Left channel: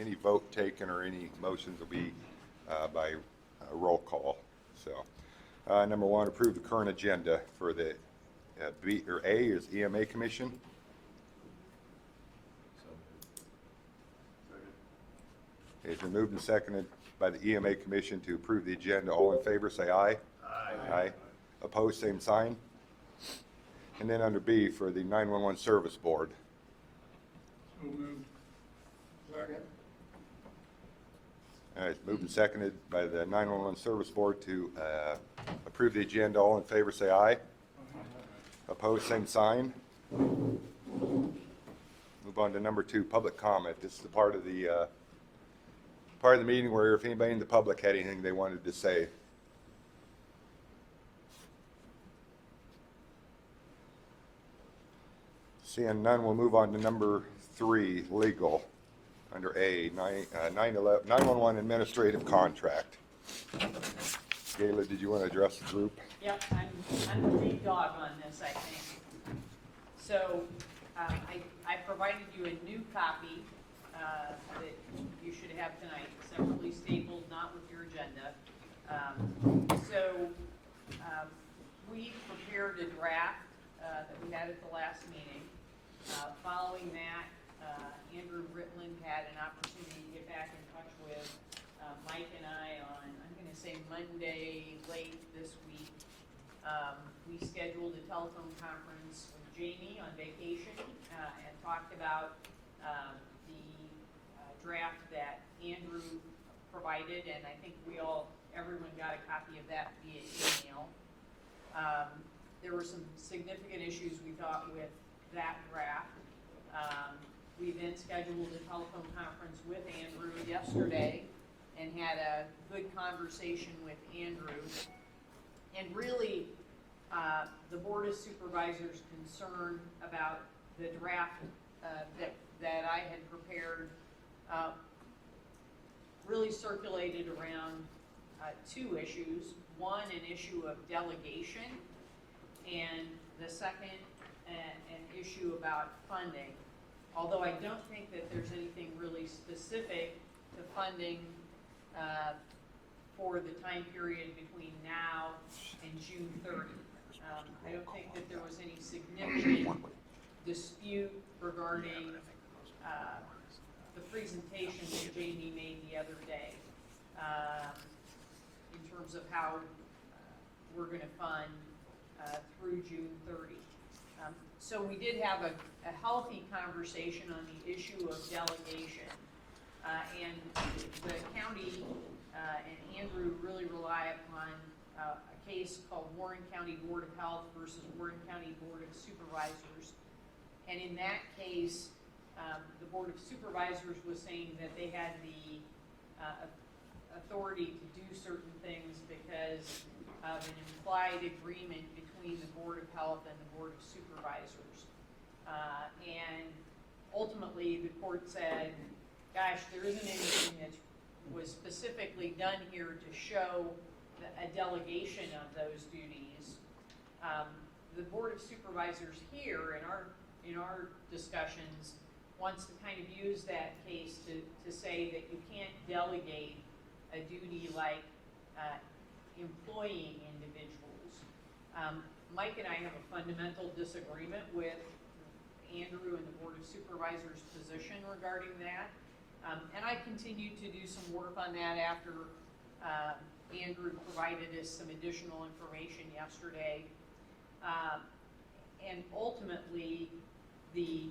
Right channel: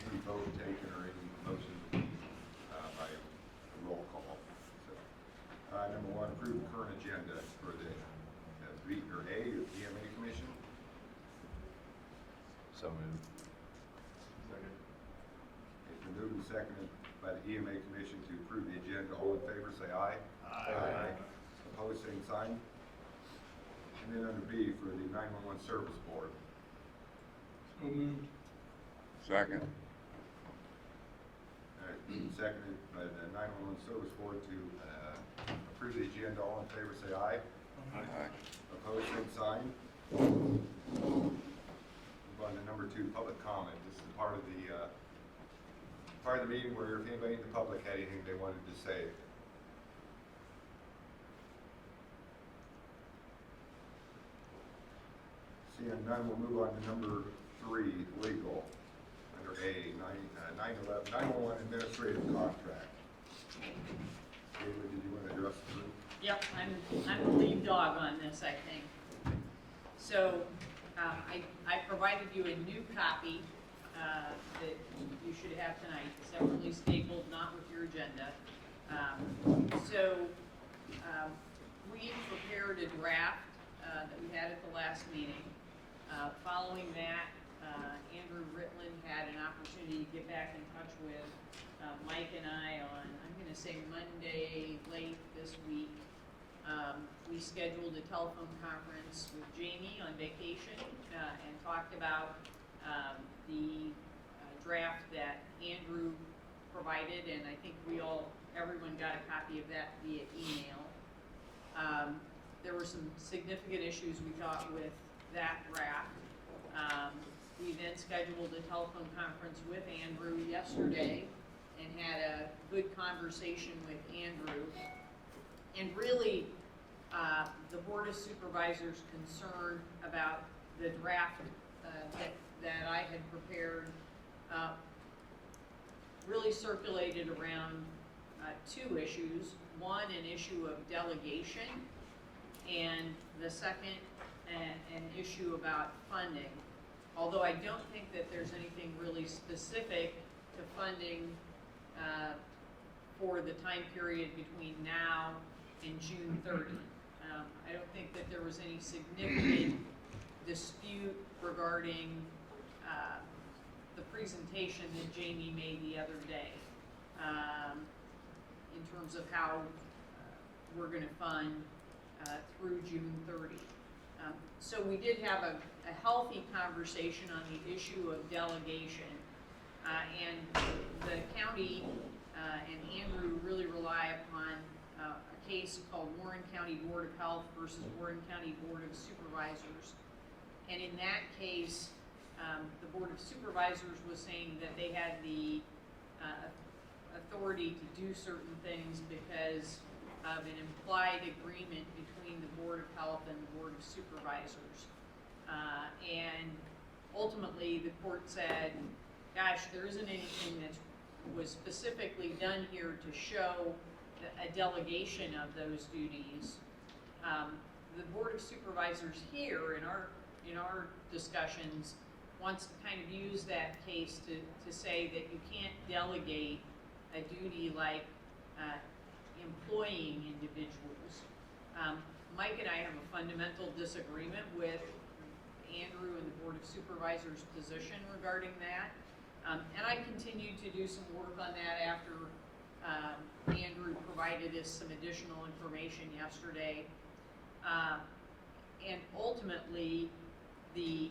any vote taken or any motions will be by roll call. So, number one, approve the current agenda for the B or A is EMA Commission. So moved. Second. It's been moved and seconded by the EMA Commission to approve the agenda. All in favor, say aye. Aye. Opposed, same sign. And then under B for the 911 Service Board. So moved. Second. It's moved and seconded by the 911 Service Board to approve the agenda. All in favor, say aye. Aye. Opposed, same sign. Move on to number 2, public comment. This is the part of the meeting where if anybody in the public had anything they wanted to say. Seeing none, we'll move on to number 3, legal, under A, 911 administrative contract. Gayla, did you want to address the group? Yep, I'm the lead dog on this, I think. So, I provided you a new copy that you should have tonight, separately stapled, not with your agenda. We prepared a draft that we had at the last meeting. Following that, Andrew Ritland had an opportunity to get back in touch with Mike and I on, I'm going to say Monday late this week. We scheduled a telephone conference with Jamie on vacation and talked about the draft that Andrew provided, and I think everyone got a copy of that via email. There were some significant issues we thought with that draft. We then scheduled a telephone conference with Andrew yesterday and had a good conversation with Andrew. And really, the Board of Supervisors' concern about the draft that I had prepared really circulated around 2 issues. One, an issue of delegation, and the second, an issue about funding. Although I don't think that there's anything really specific to funding for the time period between now and June 30. I don't think that there was any significant dispute regarding the presentation that Jamie made the other day in terms of how we're going to fund through June 30. So we did have a healthy conversation on the issue of delegation, and the county and Andrew really rely upon a case called Warren County Board of Health versus Warren County Board of Supervisors. And in that case, the Board of Supervisors was saying that they had the authority to do certain things because of an implied agreement between the Board of Health and the Board of Supervisors. And ultimately, the court said, gosh, there isn't anything that was specifically done here to show a delegation of those duties. The Board of Supervisors here in our discussions wants to kind of use that case to say that you can't delegate a duty like employing individuals. Mike and I have a fundamental disagreement with Andrew and the Board of Supervisors' position regarding that. And I continued to do some work on that after Andrew provided us some additional information yesterday. And ultimately, the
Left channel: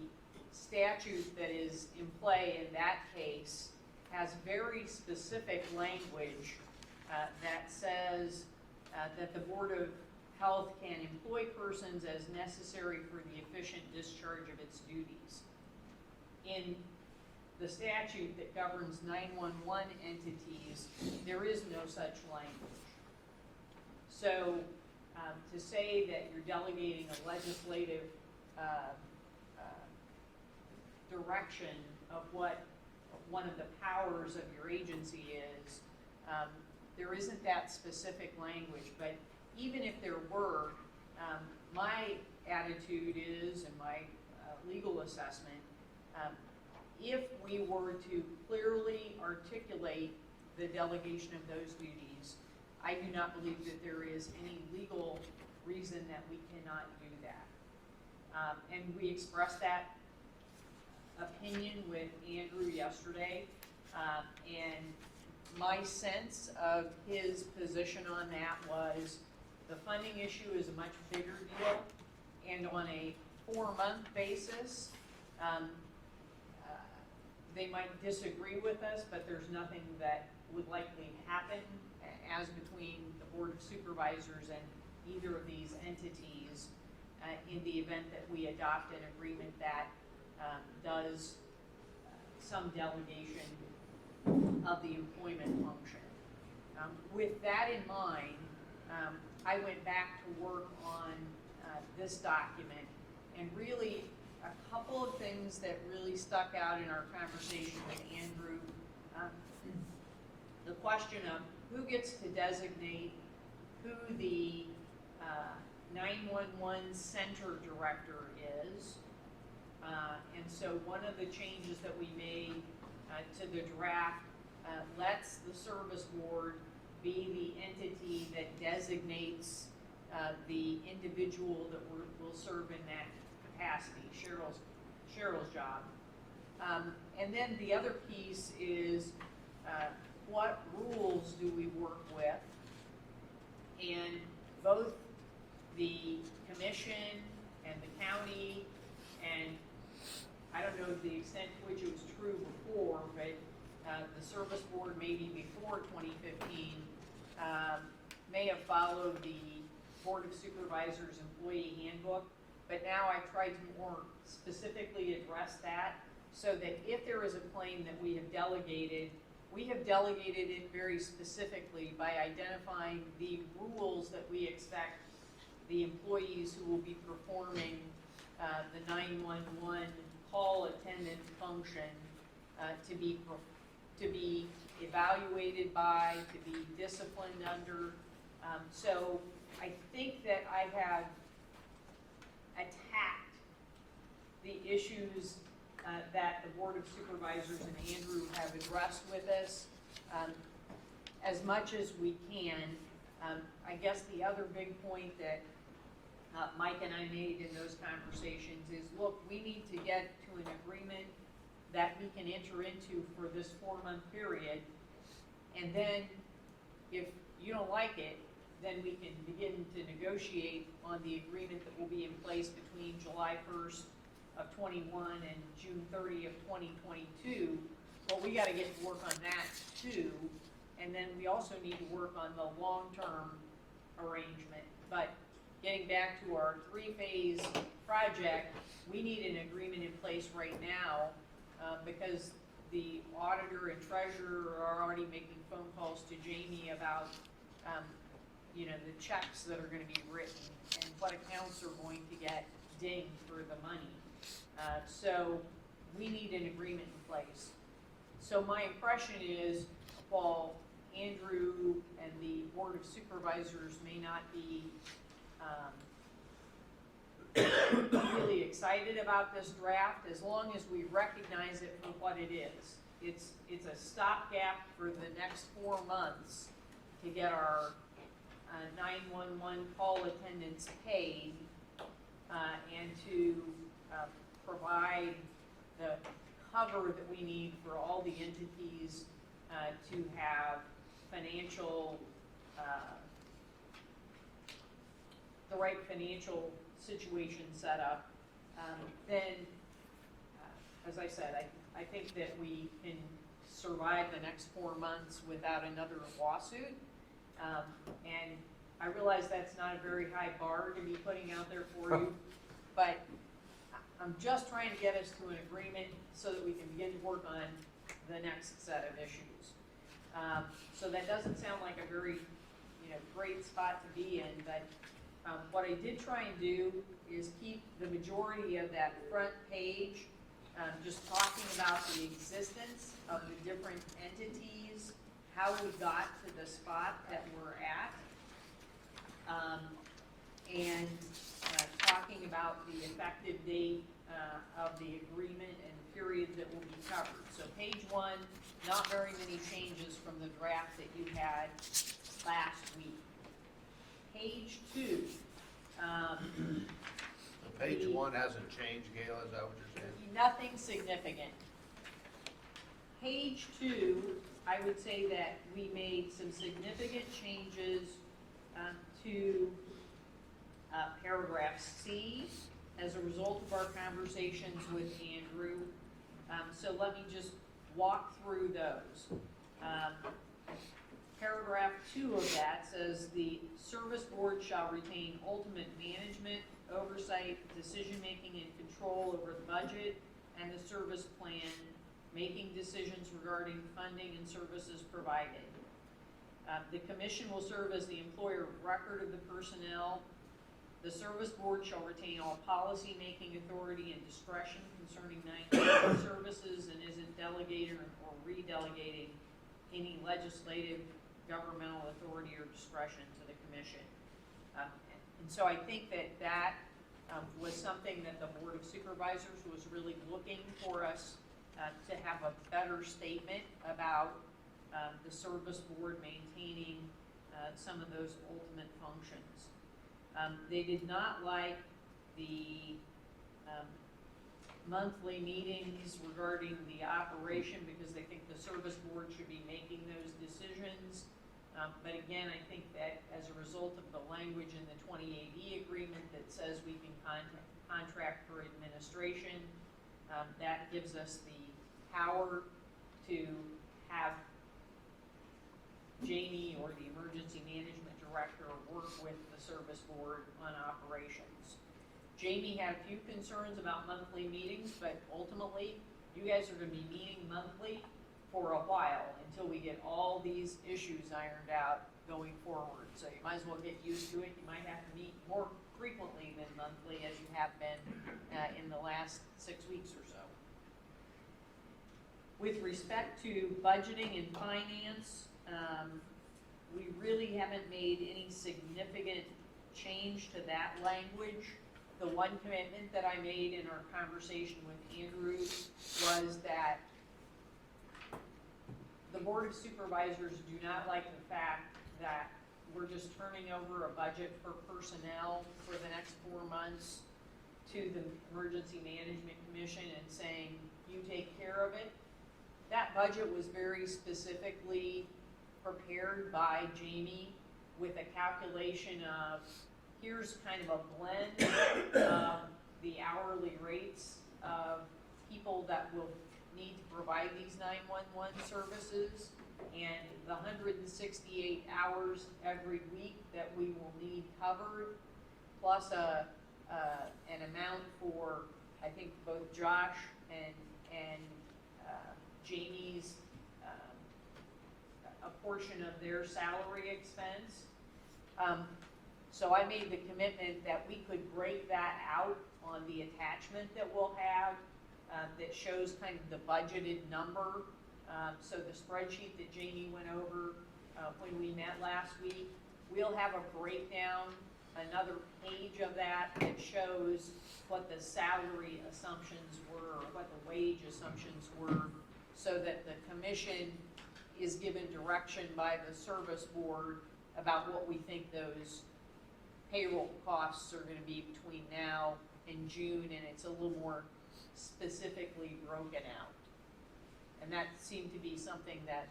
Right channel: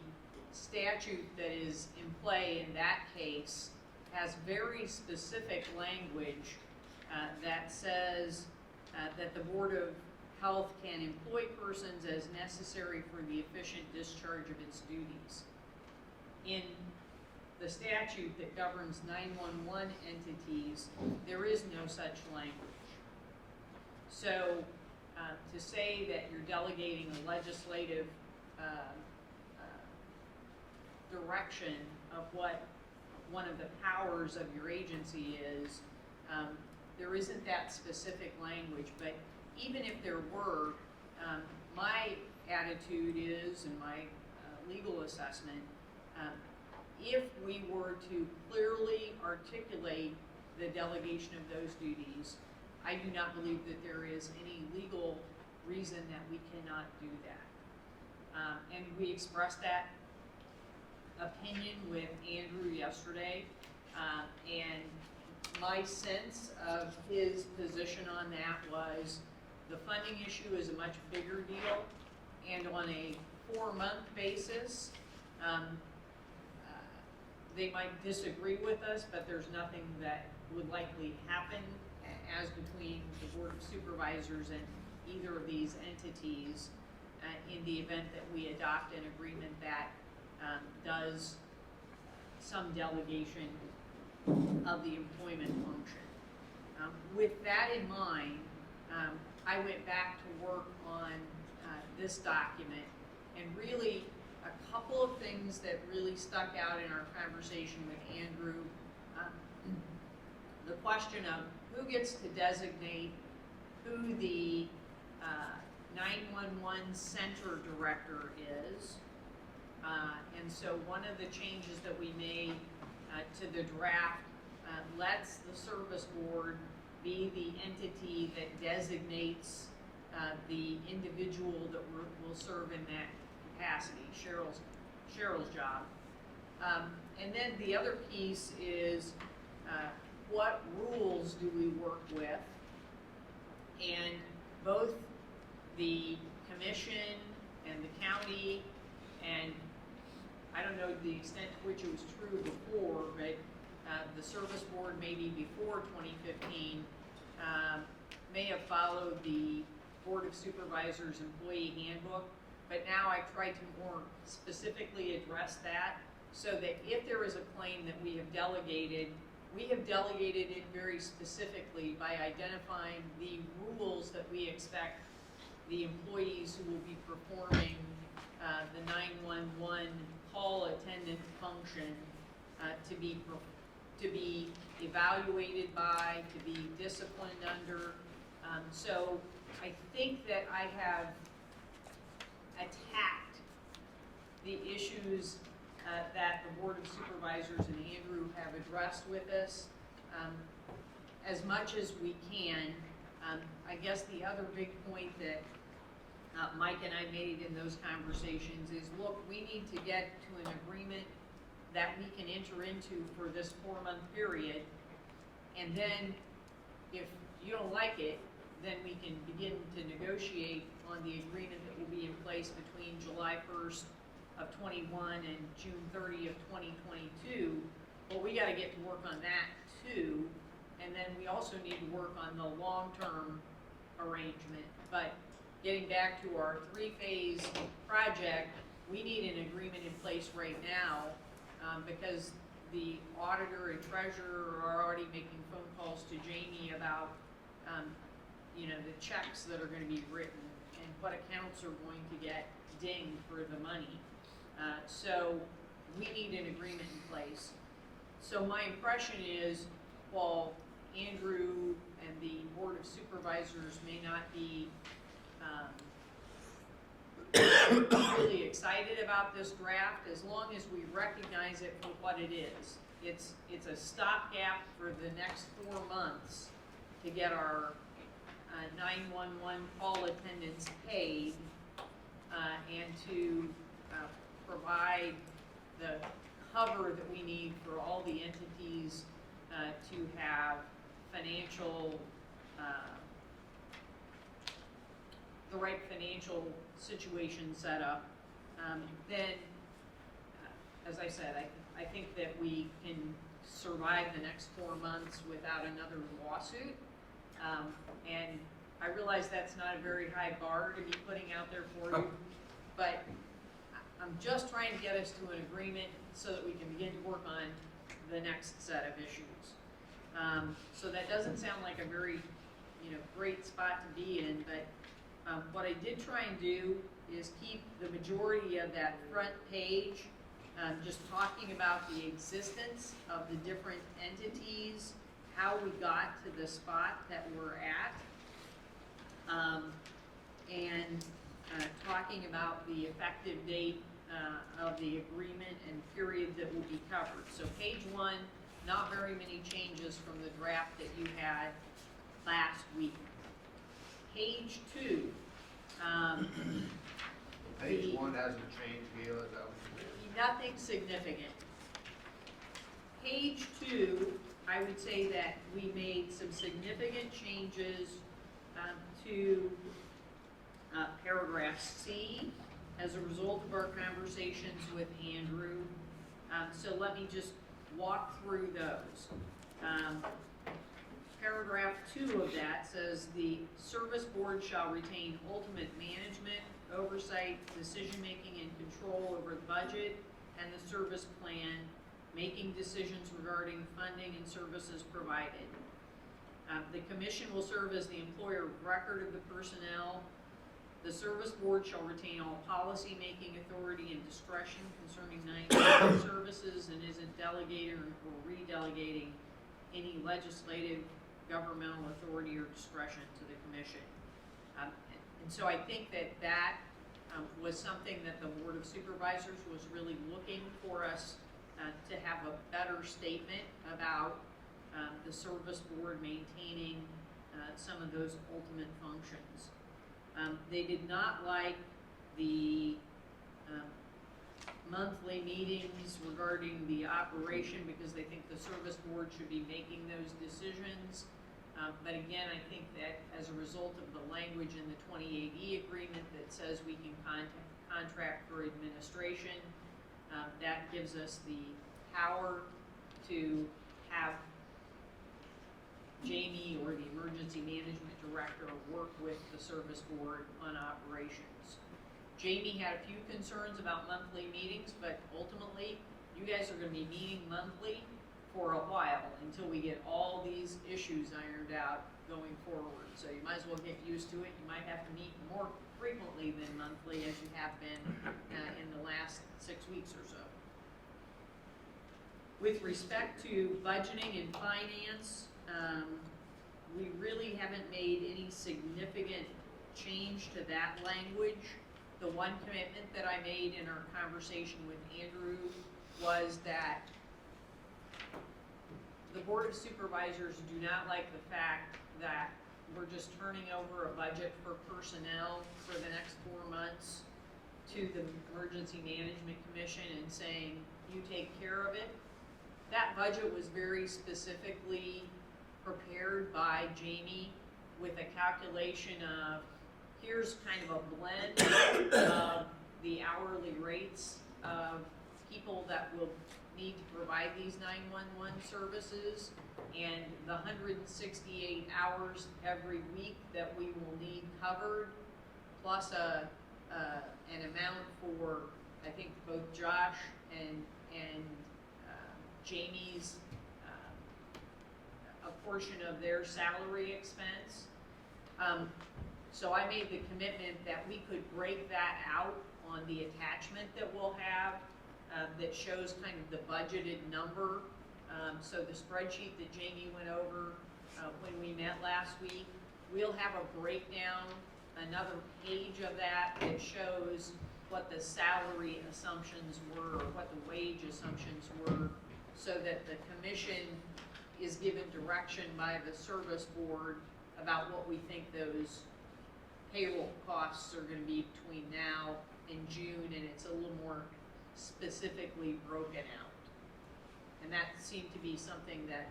statute that is in play in that case has very specific language that says that the Board of Health can employ persons as necessary for the efficient discharge of its duties. In the statute that governs 911 entities, there is no such language. So to say that you're delegating a legislative direction of what one of the powers of your agency is, there isn't that specific language. But even if there were, my attitude is, and my legal assessment, if we were to clearly articulate the delegation of those duties, I do not believe that there is any legal reason that we cannot do that. And we expressed that opinion with Andrew yesterday, and my sense of his position on that was the funding issue is a much bigger deal, and on a 4-month basis, they might disagree with us, but there's nothing that would likely happen as between the Board of Supervisors and either of these entities in the event that we adopt an agreement that does some delegation of the employment function. With that in mind, I went back to work on this document, and really a couple of things that really stuck out in our conversation with Andrew. The question of who gets to designate who the 911 center director is. And so one of the changes that we made to the draft lets the service board be the entity that designates the individual that will serve in that capacity, Cheryl's job. And then the other piece is what rules do we work with? And both the commission and the county, and I don't know the extent to which it was true before, but the service board maybe before 2015 may have followed the Board of Supervisors employee handbook, but now I've tried to more specifically address that so that if there is a claim that we have delegated it very specifically by identifying the rules that we expect the employees who will be performing the 911 call attendant function to be evaluated by, to be disciplined under. So I think that I have attacked the issues that the Board of Supervisors and Andrew have addressed with us as much as we can. I guess the other big point that Mike and I made in those conversations is, look, we need to get to an agreement that we can enter into for this 4-month period, and then if you don't like it, then we can begin to negotiate on the agreement that will be in place between July 1st of 21 and June 30 of 2022. But we got to get to work on that too, and then we also need to work on the long-term arrangement. But getting back to our 3-phase project, we need an agreement in place right now because the auditor and treasurer are already making phone calls to Jamie about the checks that are going to be written and what accounts are going to get dinged for the money. So we need an agreement in place. So my impression is, while Andrew and the Board of Supervisors may not be really excited about this draft, as long as we recognize it for what it is. It's a stopgap for the next 4 months to get our 911 call attendants paid and to provide the cover that we need for all the entities to have financial, the right financial situation set up. Then, as I said, I think that we can survive the next 4 months without another lawsuit. And I realize that's not a very high bar to be putting out there for you, but I'm just trying to get us to an agreement so that we can begin to work on the next set of issues. So that doesn't sound like a very, great spot to be in, but what I did try and do is keep the majority of that front page just talking about the existence of the different entities, how we got to the spot that we're at, and talking about the effective date of the agreement and period that will be covered. So page 1, not very many changes from the draft that you had last week. Page 2, Page 1 hasn't changed, Gail, is that what you're saying? nothing significant. Page 2, I would say that we made some significant changes to paragraph C as a result of our conversations with Andrew. So let me just walk through those. Paragraph 2 of that says the service board shall retain ultimate management, oversight, decision-making, and control over the budget and the service plan, making decisions regarding funding and services provided. The commission will serve as the employer of record of the personnel. The service board shall retain all policy-making authority and discretion concerning 911 services and isn't delegating or re-delegating any legislative, governmental authority or discretion to the commission. And so I think that was something that the Board of Supervisors was really looking for us to have a better statement about the service board maintaining some of those ultimate functions. They did not like the monthly meetings regarding the operation because they think the service board should be making those decisions. But again, I think that as a result of the language in the 28E agreement that says we can contract for administration, that gives us the power to have Jamie or the emergency management director work with the service board on operations. Jamie had a few concerns about monthly meetings, but ultimately, you guys are gonna be meeting monthly for a while until we get all these issues ironed out going forward. So you might as well get used to it. You might have to meet more frequently than monthly as you have been in the last 6 weeks or so. With respect to budgeting and finance, we really haven't made any significant change to that language. The one commitment that I made in our conversation with Andrew was that the Board of Supervisors do not like the fact that we're just turning over a budget for personnel for the next 4 months to the Emergency Management Commission and saying, you take care of it. That budget was very specifically prepared by Jamie with a calculation of, here's kind of a blend of the hourly rates of people that will need to provide these 911 services and the 168 hours every week that we will need covered, plus an amount for, I think, both Josh and Jamie's a portion of their salary expense. So I made the commitment that we could break that out on the attachment that we'll have that shows kind of the budgeted number. So the spreadsheet that Jamie went over when we met last week, we'll have a breakdown, another page of that that shows what the salary assumptions were, or what the wage assumptions were, so that the commission is given direction by the service board about what we think those payroll costs are gonna be between now and June, and it's a little more specifically broken out. And that seemed to be something that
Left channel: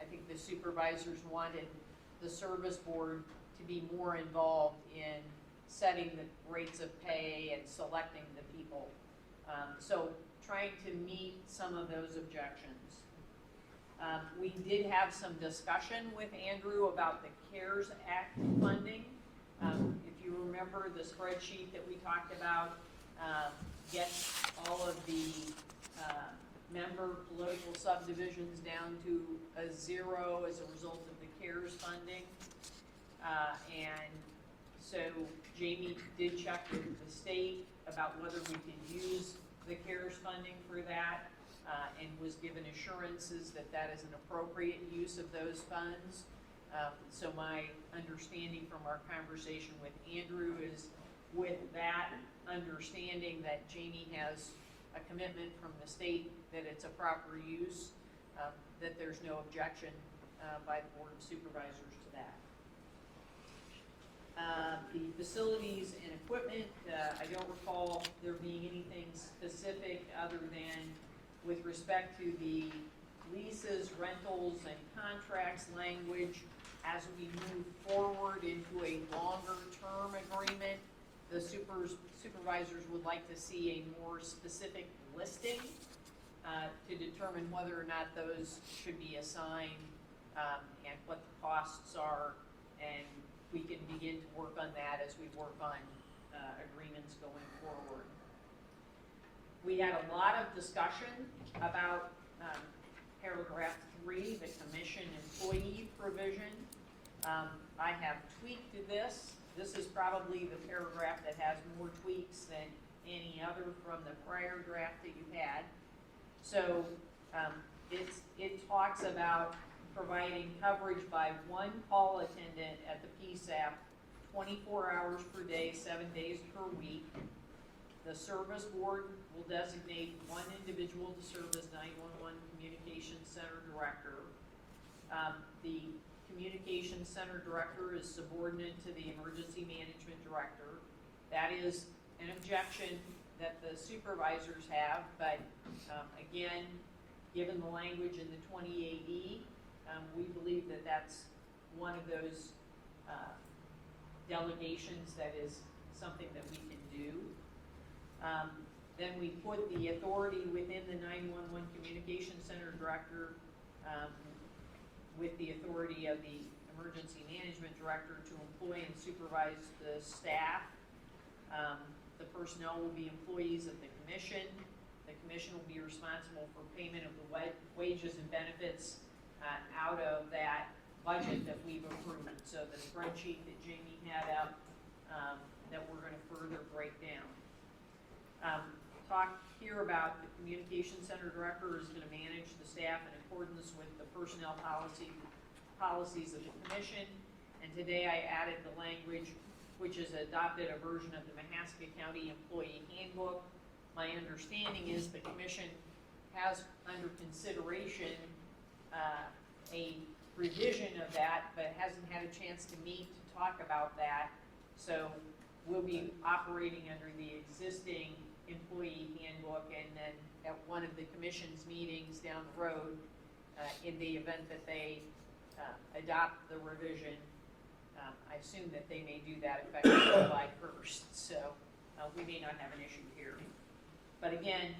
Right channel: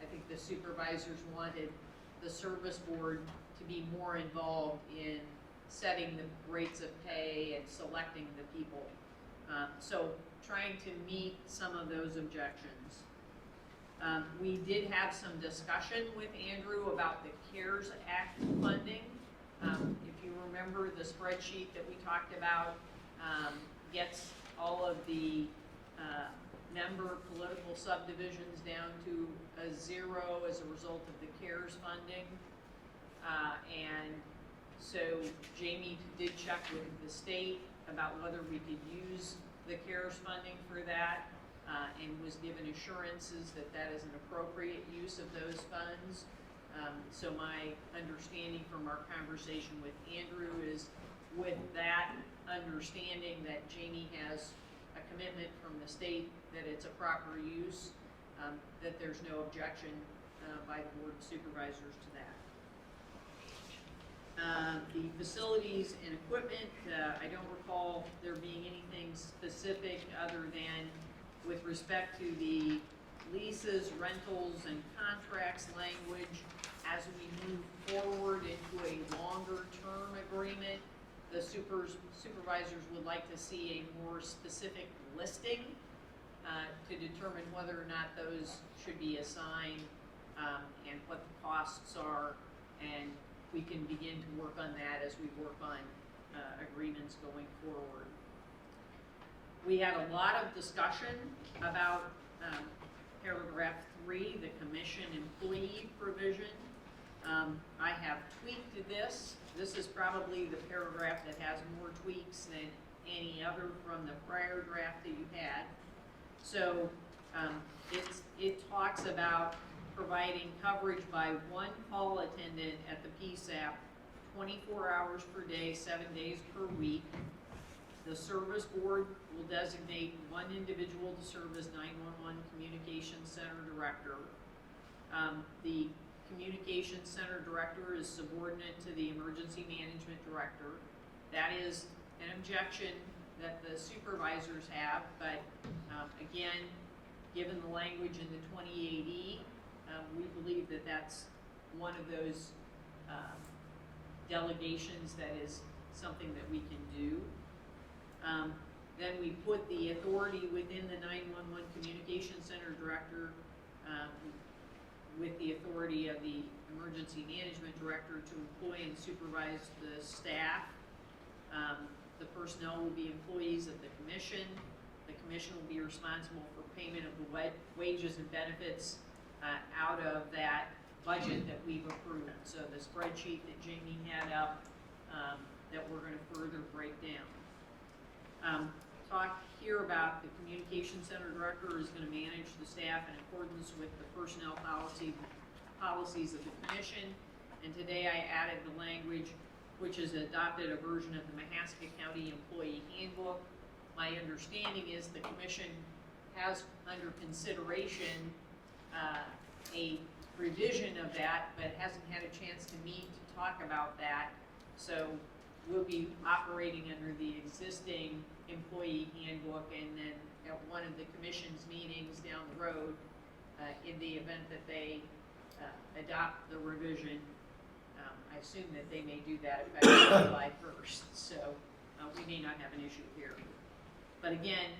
I think the supervisors wanted the service board to be more involved in setting the rates of pay and selecting the people. So trying to meet some of those objections. We did have some discussion with Andrew about the CARES Act funding. If you remember the spreadsheet that we talked about, gets all of the member political subdivisions down to a 0 as a result of the CARES funding. And so Jamie did check with the state about whether we could use the CARES funding for that, and was given assurances that that is an appropriate use of those funds. So my understanding from our conversation with Andrew is, with that understanding that Jamie has a commitment from the state that it's a proper use, that there's no objection by the Board of Supervisors to that. The facilities and equipment, I don't recall there being anything specific other than with respect to the leases, rentals, and contracts language. As we move forward into a longer-term agreement, the supervisors would like to see a more specific listing to determine whether or not those should be assigned and what the costs are, and we can begin to work on that as we work on agreements going forward. We had a lot of discussion about paragraph 3, the commission employee provision. I have tweaked this. This is probably the paragraph that has more tweaks than any other from the prior draft that you had. So it talks about providing coverage by one call attendant at the PSAP 24 hours per day, 7 days per week. The service board will designate one individual to serve as 911 Communications Center Director. The Communications Center Director is subordinate to the Emergency Management Director. That is an objection that the supervisors have, but again, given the language in the 28E, we believe that that's one of those delegations that is something that we can do. Then we put the authority within the 911 Communications Center Director with the authority of the Emergency Management Director to employ and supervise the staff. The personnel will be employees of the commission. The commission will be responsible for payment of the wages and benefits out of that budget that we've approved. So the spreadsheet that Jamie had up that we're going to further break down. Talk here about the Communication Center Director is going to manage the staff in accordance with the personnel policies of the commission. And today I added the language which has adopted a version of the Mahaska County Employee Handbook. My understanding is the commission has under consideration a revision of that, but hasn't had a chance to meet to talk about that. So we'll be operating under the existing employee handbook, and then at one of the commission's meetings down the road, in the event that they adopt the revision, I assume that they may do that effective July 1st, so we may not have an issue here. But again,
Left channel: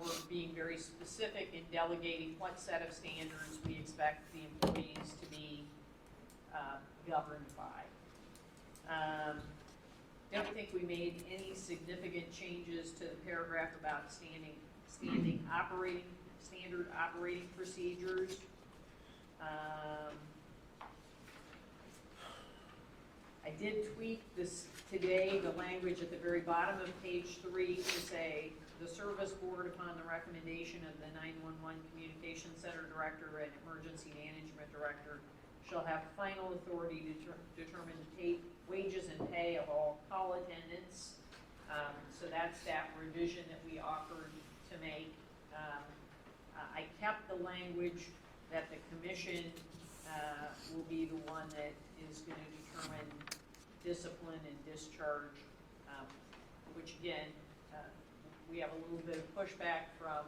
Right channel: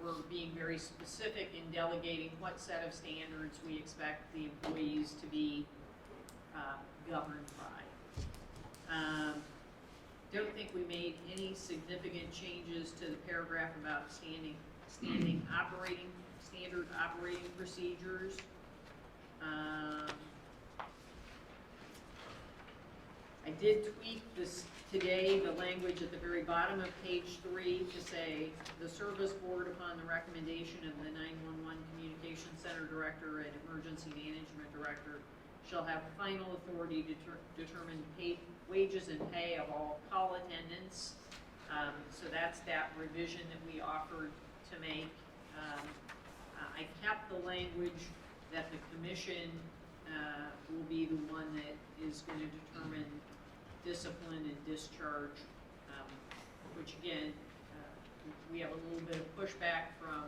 we're being very specific in delegating what set of standards we expect the employees to be governed by. Don't think we made any significant changes to the paragraph about standard operating procedures. I did tweak this today, the language at the very bottom of page 3 to say, the service board, upon the recommendation of the 911 Communications Center Director and Emergency Management Director, shall have final authority to determine wages and pay of all call attendants. So that's that revision that we offered to make. I kept the language that the commission will be the one that is going to determine discipline and discharge, which again, we have a little bit of pushback from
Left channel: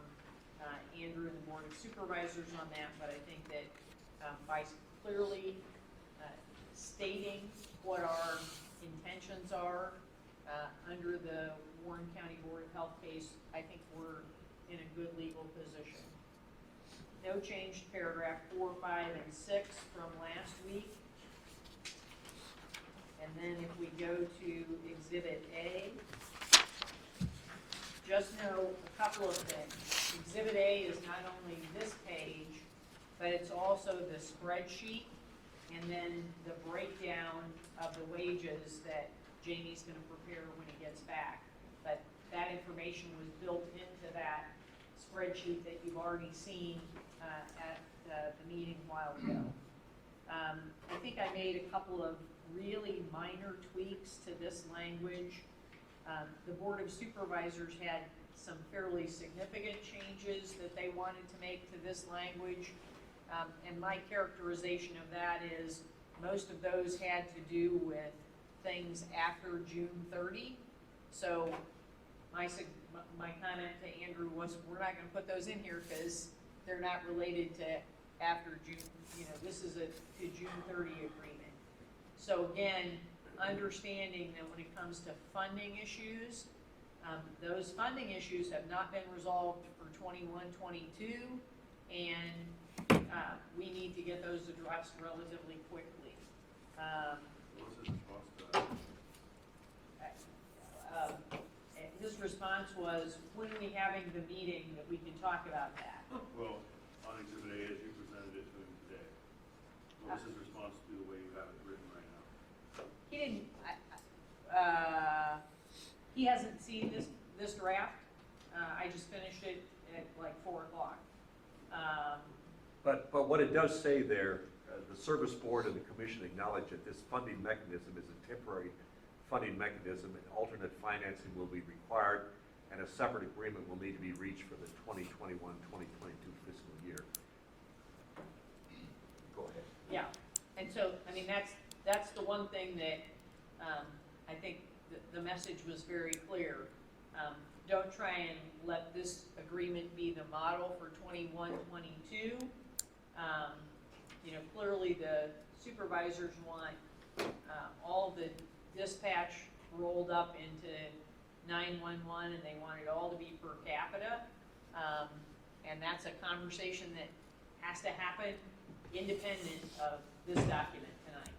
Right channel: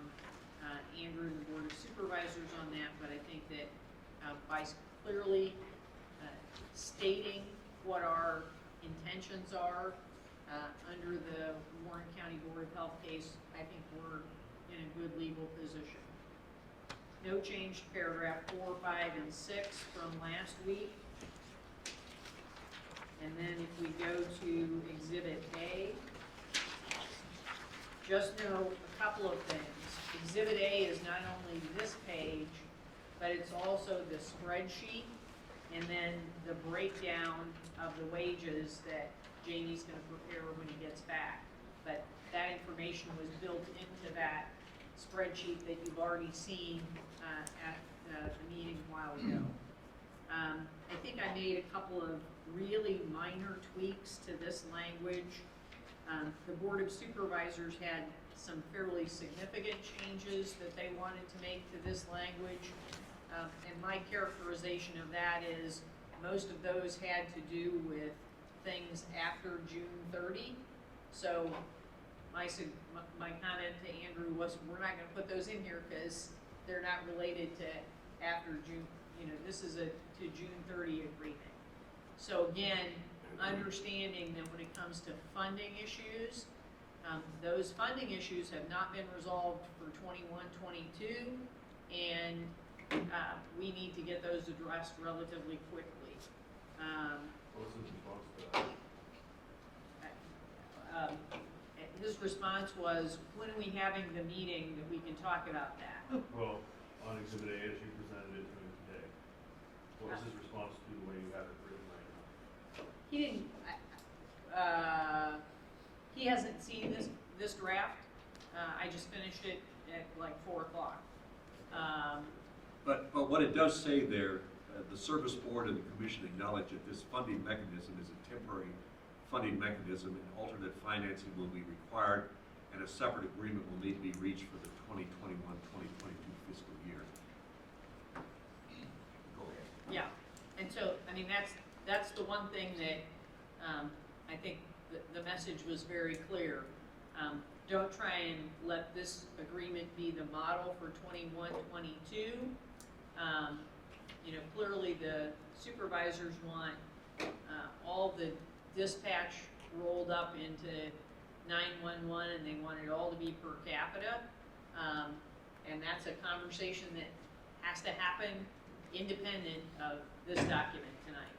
Andrew and the Board of Supervisors on that, but I think that by clearly stating what our intentions are under the Warren County Board of Health case, I think we're in a good legal position. No change to paragraph 4, 5, and 6 from last week. And then if we go to Exhibit A, just know a couple of things. Exhibit A is not only this page, but it's also the spreadsheet and then the breakdown of the wages that Jamie's going to prepare when he gets back. But that information was built into that spreadsheet that you've already seen at the meeting a while ago. I think I made a couple of really minor tweaks to this language. The Board of Supervisors had some fairly significant changes that they wanted to make to this language. And my characterization of that is, most of those had to do with things after June 30. So my comment to Andrew was, we're not gonna put those in here because they're not related to after June, this is a to June 30 agreement. So again, understanding that when it comes to funding issues, those funding issues have not been resolved for 21-22, and we need to get those addressed relatively quickly. What was his response to that? His response was, when are we having the meeting that we can talk about that? Well, on Exhibit A, as you presented it to him today, what was his response to the way you have it written right now? He didn't, he hasn't seen this draft. I just finished it at like 4 o'clock. But what it does say there, the service board and the commission acknowledge that this funding mechanism is a temporary funding mechanism, and alternate financing will be required, and a separate agreement will need to be reached for the 2021-2022 fiscal year. Go ahead. Yeah, and so, I mean, that's the one thing that, I think the message was very clear. Don't try and let this agreement be the model for 21-22. Clearly the supervisors want, all the dispatch rolled up into 911, and they want it all to be per capita. And that's a conversation that has to happen independent of this document tonight.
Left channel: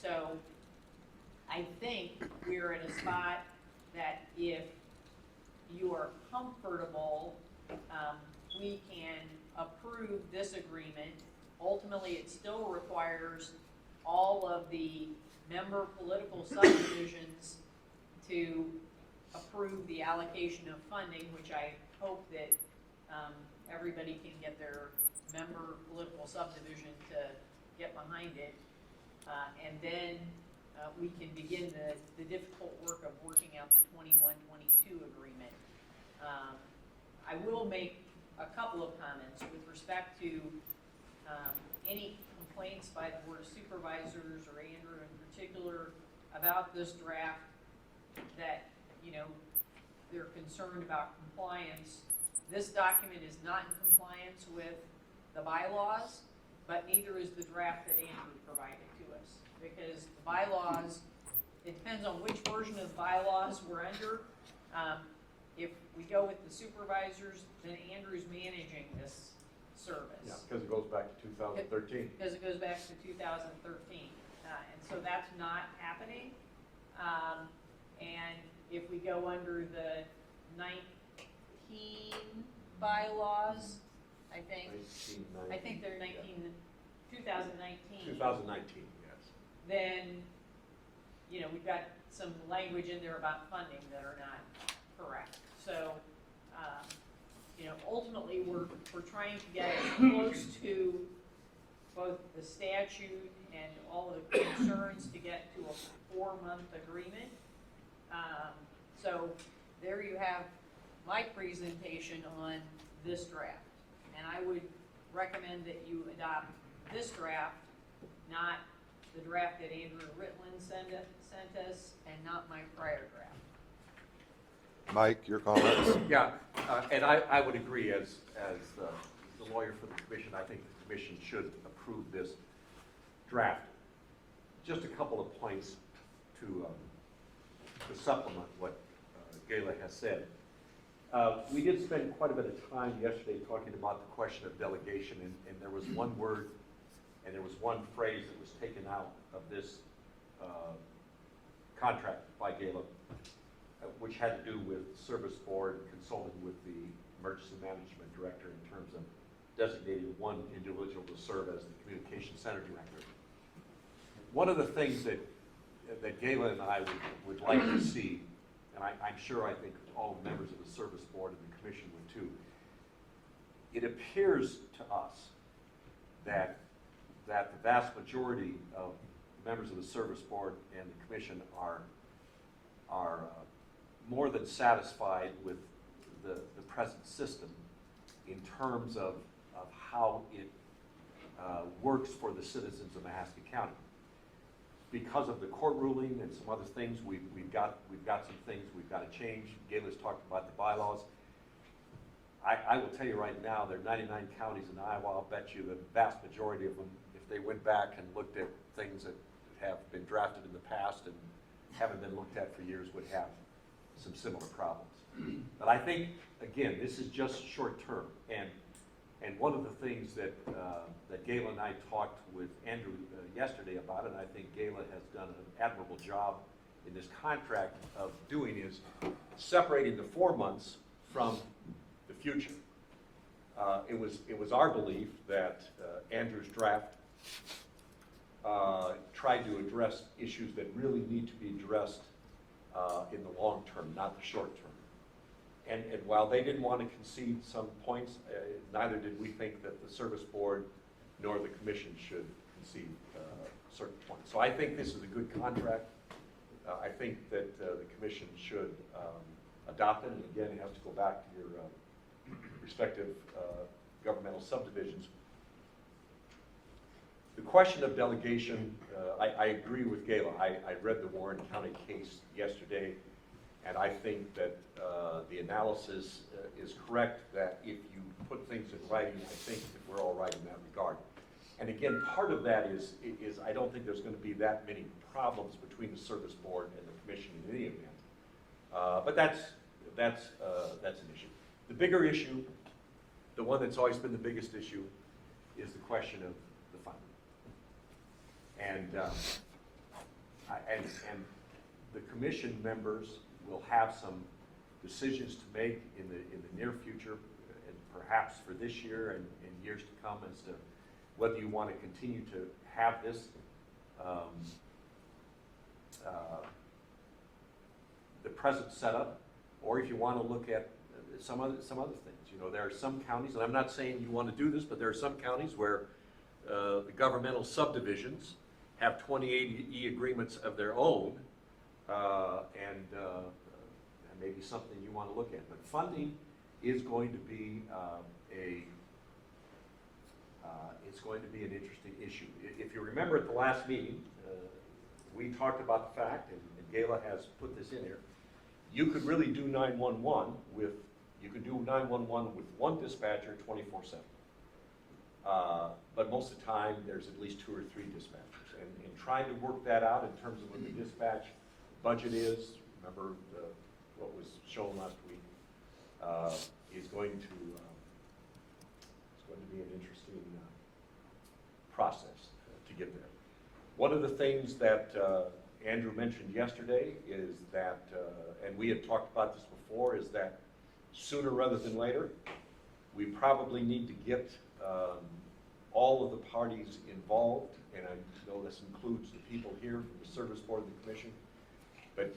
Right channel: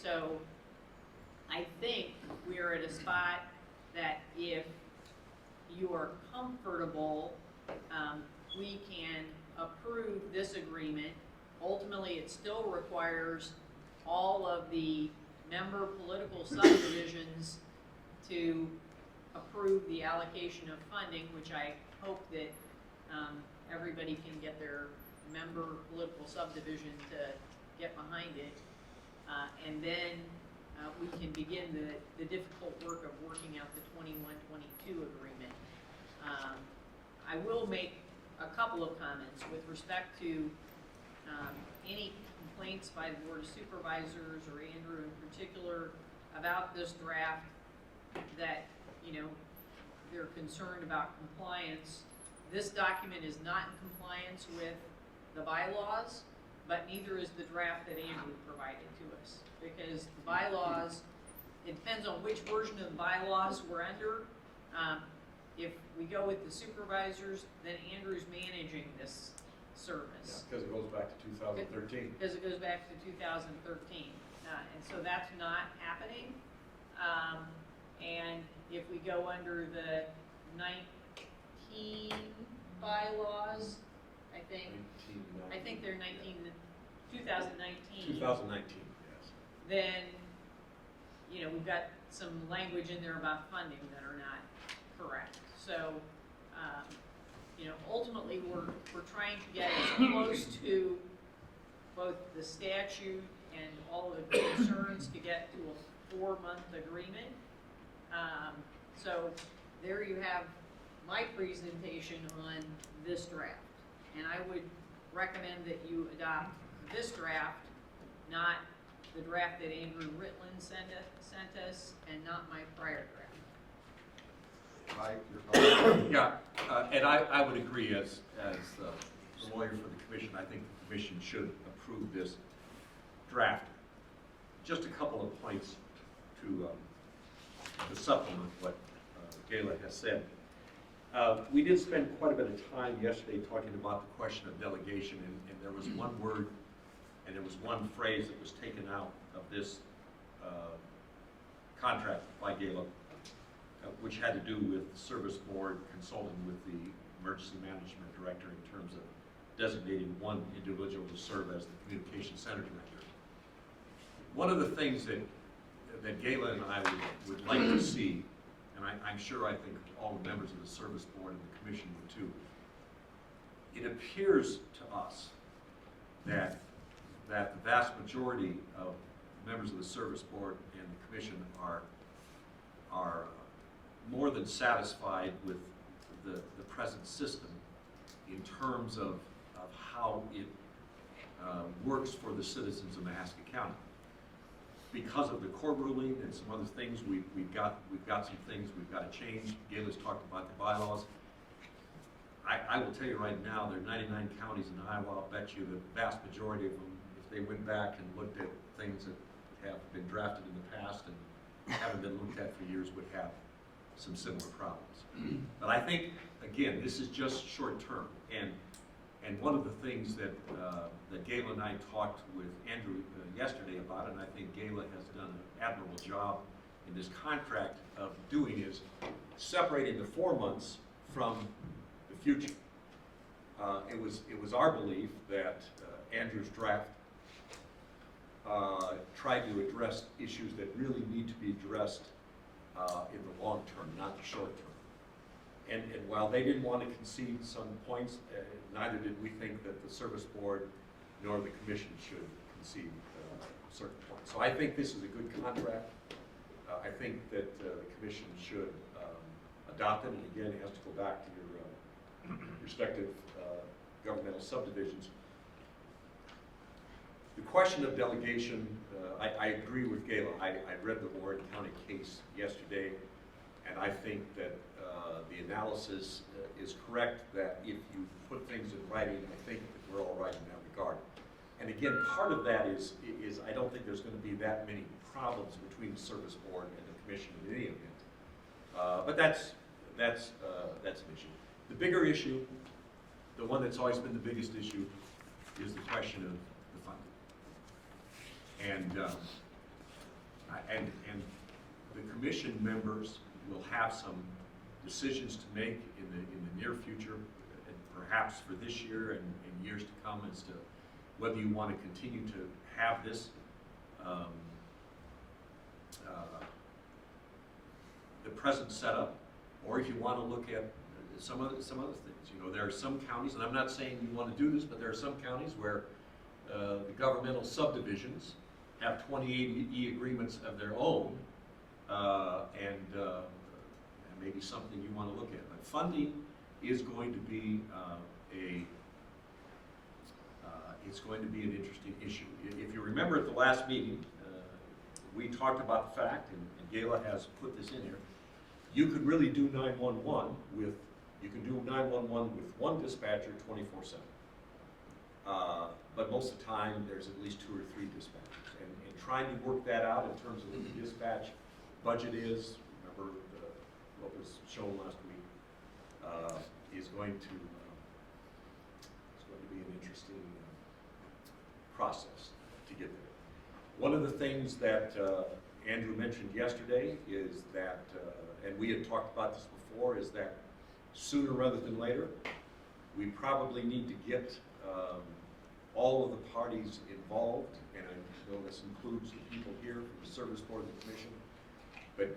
So I think we're at a spot that if you are comfortable, we can approve this agreement. Ultimately, it still requires all of the member political subdivisions to approve the allocation of funding, which I hope that everybody can get their member political subdivision to get behind it. And then we can begin the difficult work of working out the 21-22 agreement. I will make a couple of comments with respect to any complaints by the Board of Supervisors or Andrew in particular about this draft that, they're concerned about compliance. This document is not in compliance with the bylaws, but neither is the draft that Andrew provided to us. Because the bylaws, it depends on which version of the bylaws we're under. If we go with the supervisors, then Andrew's managing this service. Because it goes back to 2013. Because it goes back to 2013. And so that's not happening. And if we go under the 19 bylaws, I think they're 2019. 2019, yes. Then, we've got some language in there about funding that are not correct. So, ultimately, we're trying to get as close to both the statute and all of the concerns to get to a 4-month agreement. So there you have my presentation on this draft. And I would recommend that you adopt this draft, not the draft that Andrew Ritland sent us, and not my prior draft. Mike, your comments? Yeah, and I would agree as the lawyer for the commission. I think the commission should approve this draft. Just a couple of points to supplement what Gayla has said. We did spend quite a bit of time yesterday talking about the question of delegation, and there was one word and there was one phrase that was taken out of this contract by Gayla, which had to do with the service board consulting with the emergency management director in terms of designating one individual to serve as the communication center director. One of the things that Gayla and I would like to see, and I'm sure I think all the members of the service board and the commission would too, it appears to us that the vast majority of members of the service board and the commission are more than satisfied with the present system in terms of how it works for the citizens of Mahaska County. Because of the court ruling and some other things, we've got some things we've got to change. Gayla's talked about the bylaws. I will tell you right now, there are 99 counties in Iowa. I'll bet you the vast majority of them, if they went back and looked at things that have been drafted in the past and haven't been looked at for years, would have some similar problems. But I think, again, this is just short term. And one of the things that Gayla and I talked with Andrew yesterday about, and I think Gayla has done an admirable job in this contract of doing, is separating the 4 months from the future. It was our belief that Andrew's draft tried to address issues that really need to be addressed in the long term, not the short term. And while they didn't want to concede some points, neither did we think that the service board nor the commission should concede certain points. So I think this is a good contract. I think that the commission should adopt it, and again, it has to go back to your respective governmental subdivisions. The question of delegation, I agree with Gayla. I read the Warren County case yesterday, and I think that the analysis is correct, that if you put things in writing, I think that we're all right in that regard. And again, part of that is I don't think there's going to be that many problems between the service board and the commission in any event. But that's an issue. The bigger issue, the one that's always been the biggest issue, is the question of the funding. And the commission members will have some decisions to make in the near future, and perhaps for this year and years to come, as to whether you want to continue to have this the present setup, or if you want to look at some other things. You know, there are some counties, and I'm not saying you want to do this, but there are some counties where the governmental subdivisions have 28E agreements of their own, and maybe something you want to look at. But funding is going to be it's going to be an interesting issue. If you remember at the last meeting, we talked about the fact, and Gayla has put this in here, you could really do 911 with one dispatcher 24/7. But most of the time, there's at least 2 or 3 dispatchers. And trying to work that out in terms of what the dispatch budget is, remember what was shown last week, is going to be an interesting process to get there. One of the things that Andrew mentioned yesterday is that, and we had talked about this before, is that sooner rather than later, we probably need to get all of the parties involved, and I know this includes the people here from the service board and the commission, but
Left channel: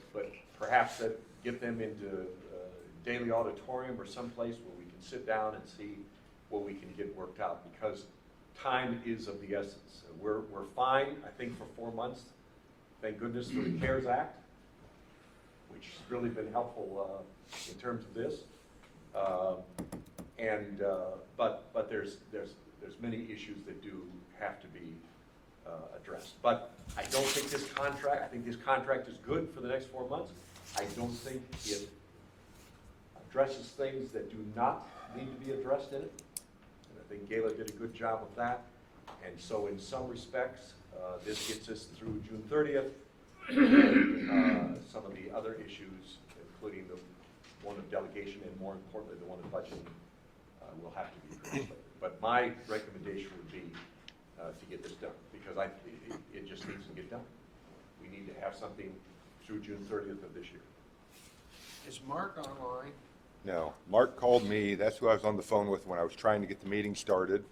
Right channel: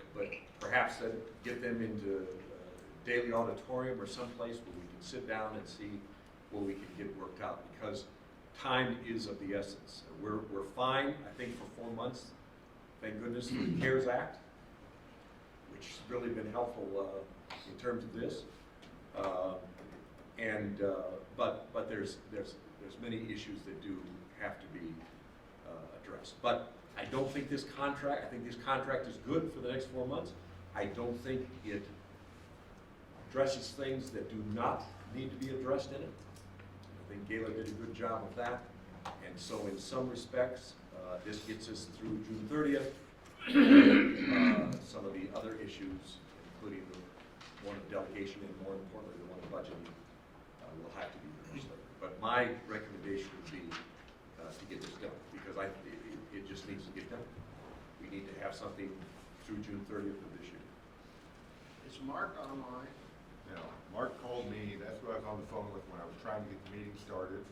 perhaps that get them into Daily Auditorium or someplace where we can sit down and see what we can get worked out, because time is of the essence. We're fine, I think, for 4 months. Thank goodness for the CARES Act, which has really been helpful in terms of this. But there's many issues that do have to be addressed. But I don't think this contract, I think this contract is good for the next 4 months. I don't think it addresses things that do not need to be addressed in it. I think Gayla did a good job of that. And so in some respects, this gets us through June 30th. Some of the other issues, including the one of delegation and more importantly, the one of budget, will have to be addressed later. But my recommendation would be to get this done, because it just needs to get done. We need to have something through June 30th of this year. Is Mark online? No, Mark called me, that's who I was on the phone with when I was trying to get the meeting started.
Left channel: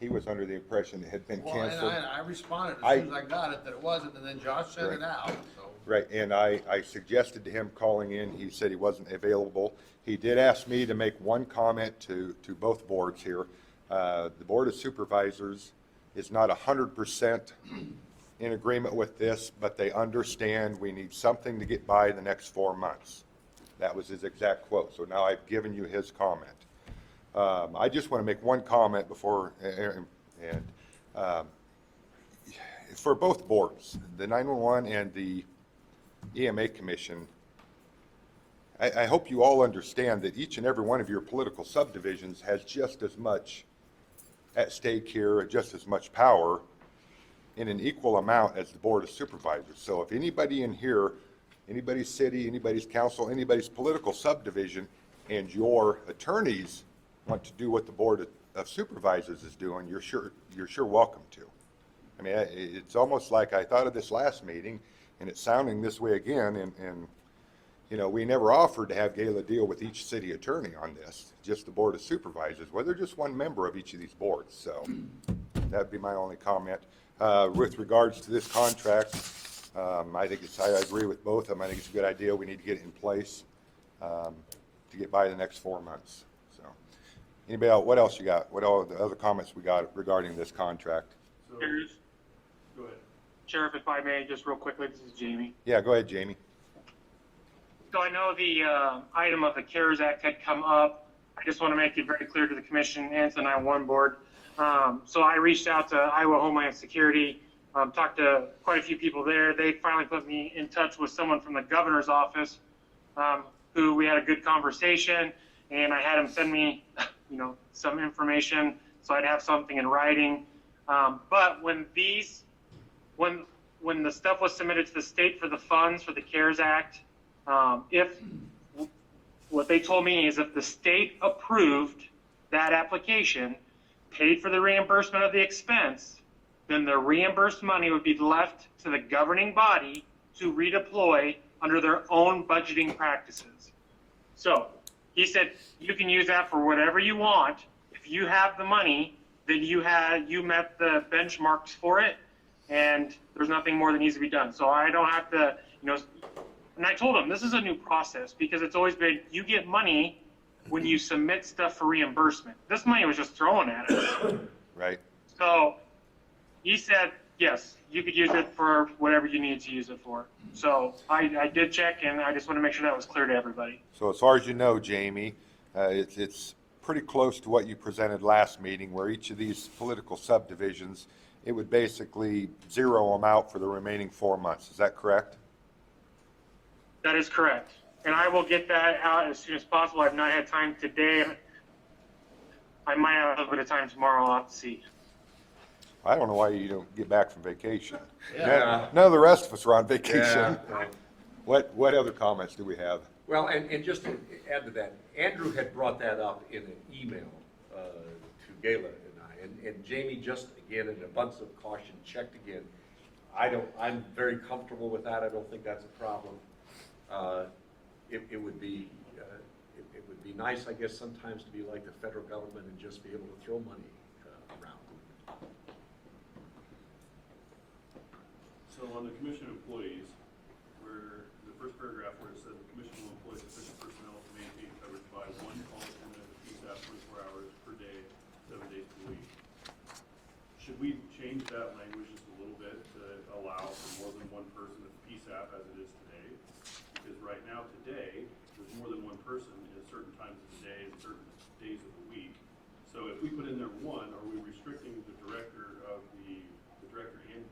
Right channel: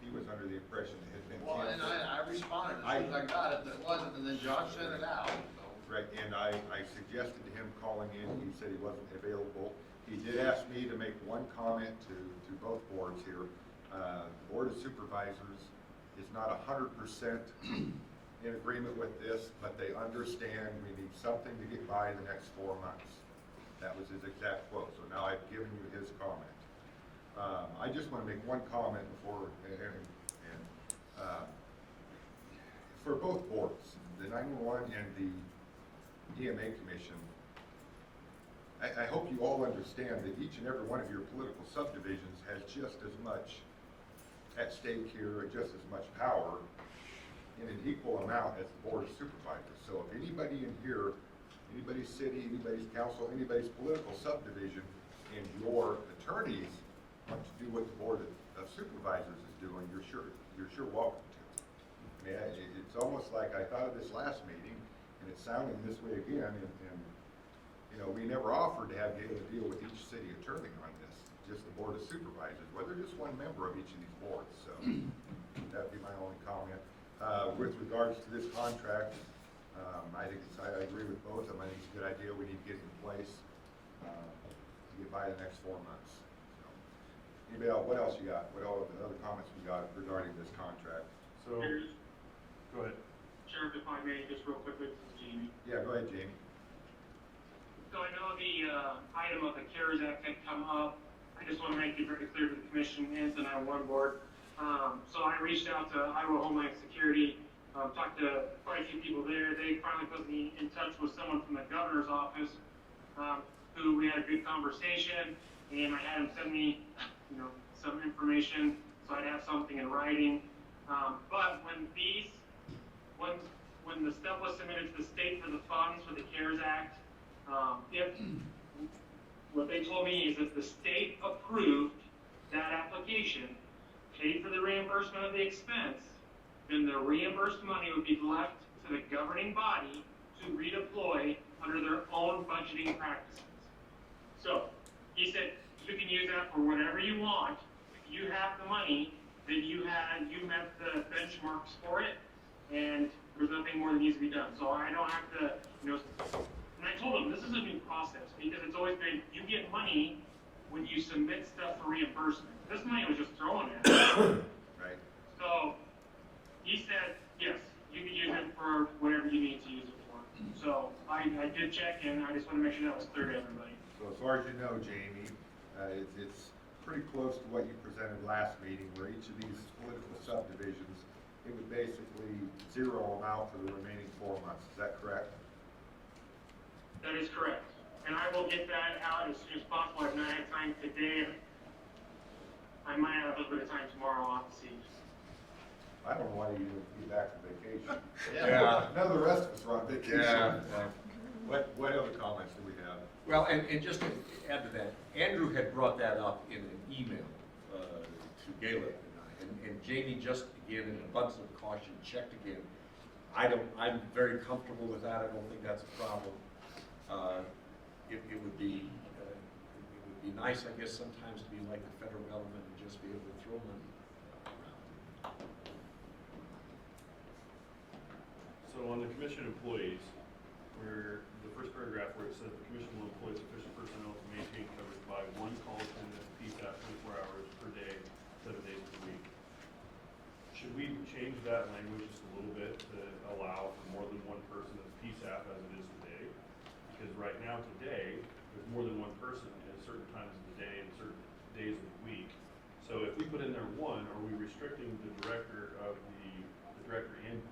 He was under the impression it had been Well, canceled. and I responded as soon as I got it that it wasn't, and then Josh sent it out, so. Right, and I suggested to him calling in, he said he wasn't available. He did ask me to make one comment to both boards here. The Board of Supervisors is not 100% in agreement with this, but they understand we need something to get by the next 4 months. That was his exact quote. So now I've given you his comment. I just want to make one comment before, for both boards, the 911 and the EMA Commission, I hope you all understand that each and every one of your political subdivisions has just as much at stake here, just as much power in an equal amount as the Board of Supervisors. So if anybody in here, anybody's city, anybody's council, anybody's political subdivision, and your attorneys want to do what the Board of Supervisors is doing, you're sure welcome to. I mean, it's almost like I thought of this last meeting, and it's sounding this way again, and you know, we never offered to have Gala deal with each city attorney on this, just the Board of Supervisors. Well, they're just one member of each of these boards, so that'd be my only comment. With regards to this contract, I agree with both of them. I think it's a good idea. We need to get it in place to get by the next 4 months. So, anybody else? What else you got? What all the other comments we got regarding this contract? So, Here's, go ahead. Sheriff, if I may, just real quickly, this is Jamie. Yeah, go ahead, Jamie. So I know the item of the CARES Act had come up. I just want to make it very clear to the commission and to the 911 board. So I reached out to Iowa Homeland Security, talked to quite a few people there. They finally put me in touch with someone from the governor's office, who we had a good conversation, and I had him send me, you know, some information so I'd have something in writing. But when the stuff was submitted to the state for the funds for the CARES Act, what they told me is if the state approved that application, paid for the reimbursement of the expense, then the reimbursed money would be left to the governing body to redeploy under their own budgeting practices. So he said, you can use that for whatever you want. If you have the money, then you met the benchmarks for it, and there's nothing more that needs to be done. So I don't have to, you know, and I told him this is a new process because it's always been you get money when you submit stuff for reimbursement. This money was just thrown at us. Right. So he said, yes, you could use it for whatever you need to use it for. So I did check, and I just want to make sure that was clear to everybody. So as far as you know, Jamie, it's pretty close to what you presented last meeting, where each of these political subdivisions, it would basically zero them out for the remaining 4 months. Is that correct? That is correct. And I will get that out as soon as possible. I've not had time today. I might have a little bit of time tomorrow. I'll have to see. I don't know why you don't get back from vacation. Yeah. None of the rest of us are on vacation. Yeah. What other comments do we have? Well, and just to add to that, Andrew had brought that up in an email to Gala and I, and Jamie just, again, in an abundance of caution, checked again. I'm very comfortable with that. I don't think that's a problem. It would be nice, I guess, sometimes to be like the federal government and just be able to throw money around. So on the commission employees, where the first paragraph where it says the commission will employ sufficient personnel to maintain coverage by one call center at the PSAP 24 hours per day, 7 days per week. Should we change that language just a little bit to allow for more than one person at PSAP as it is today? Because right now, today, there's more than one person at certain times of the day and certain days of the week. So if we put in there one, are we restricting the director and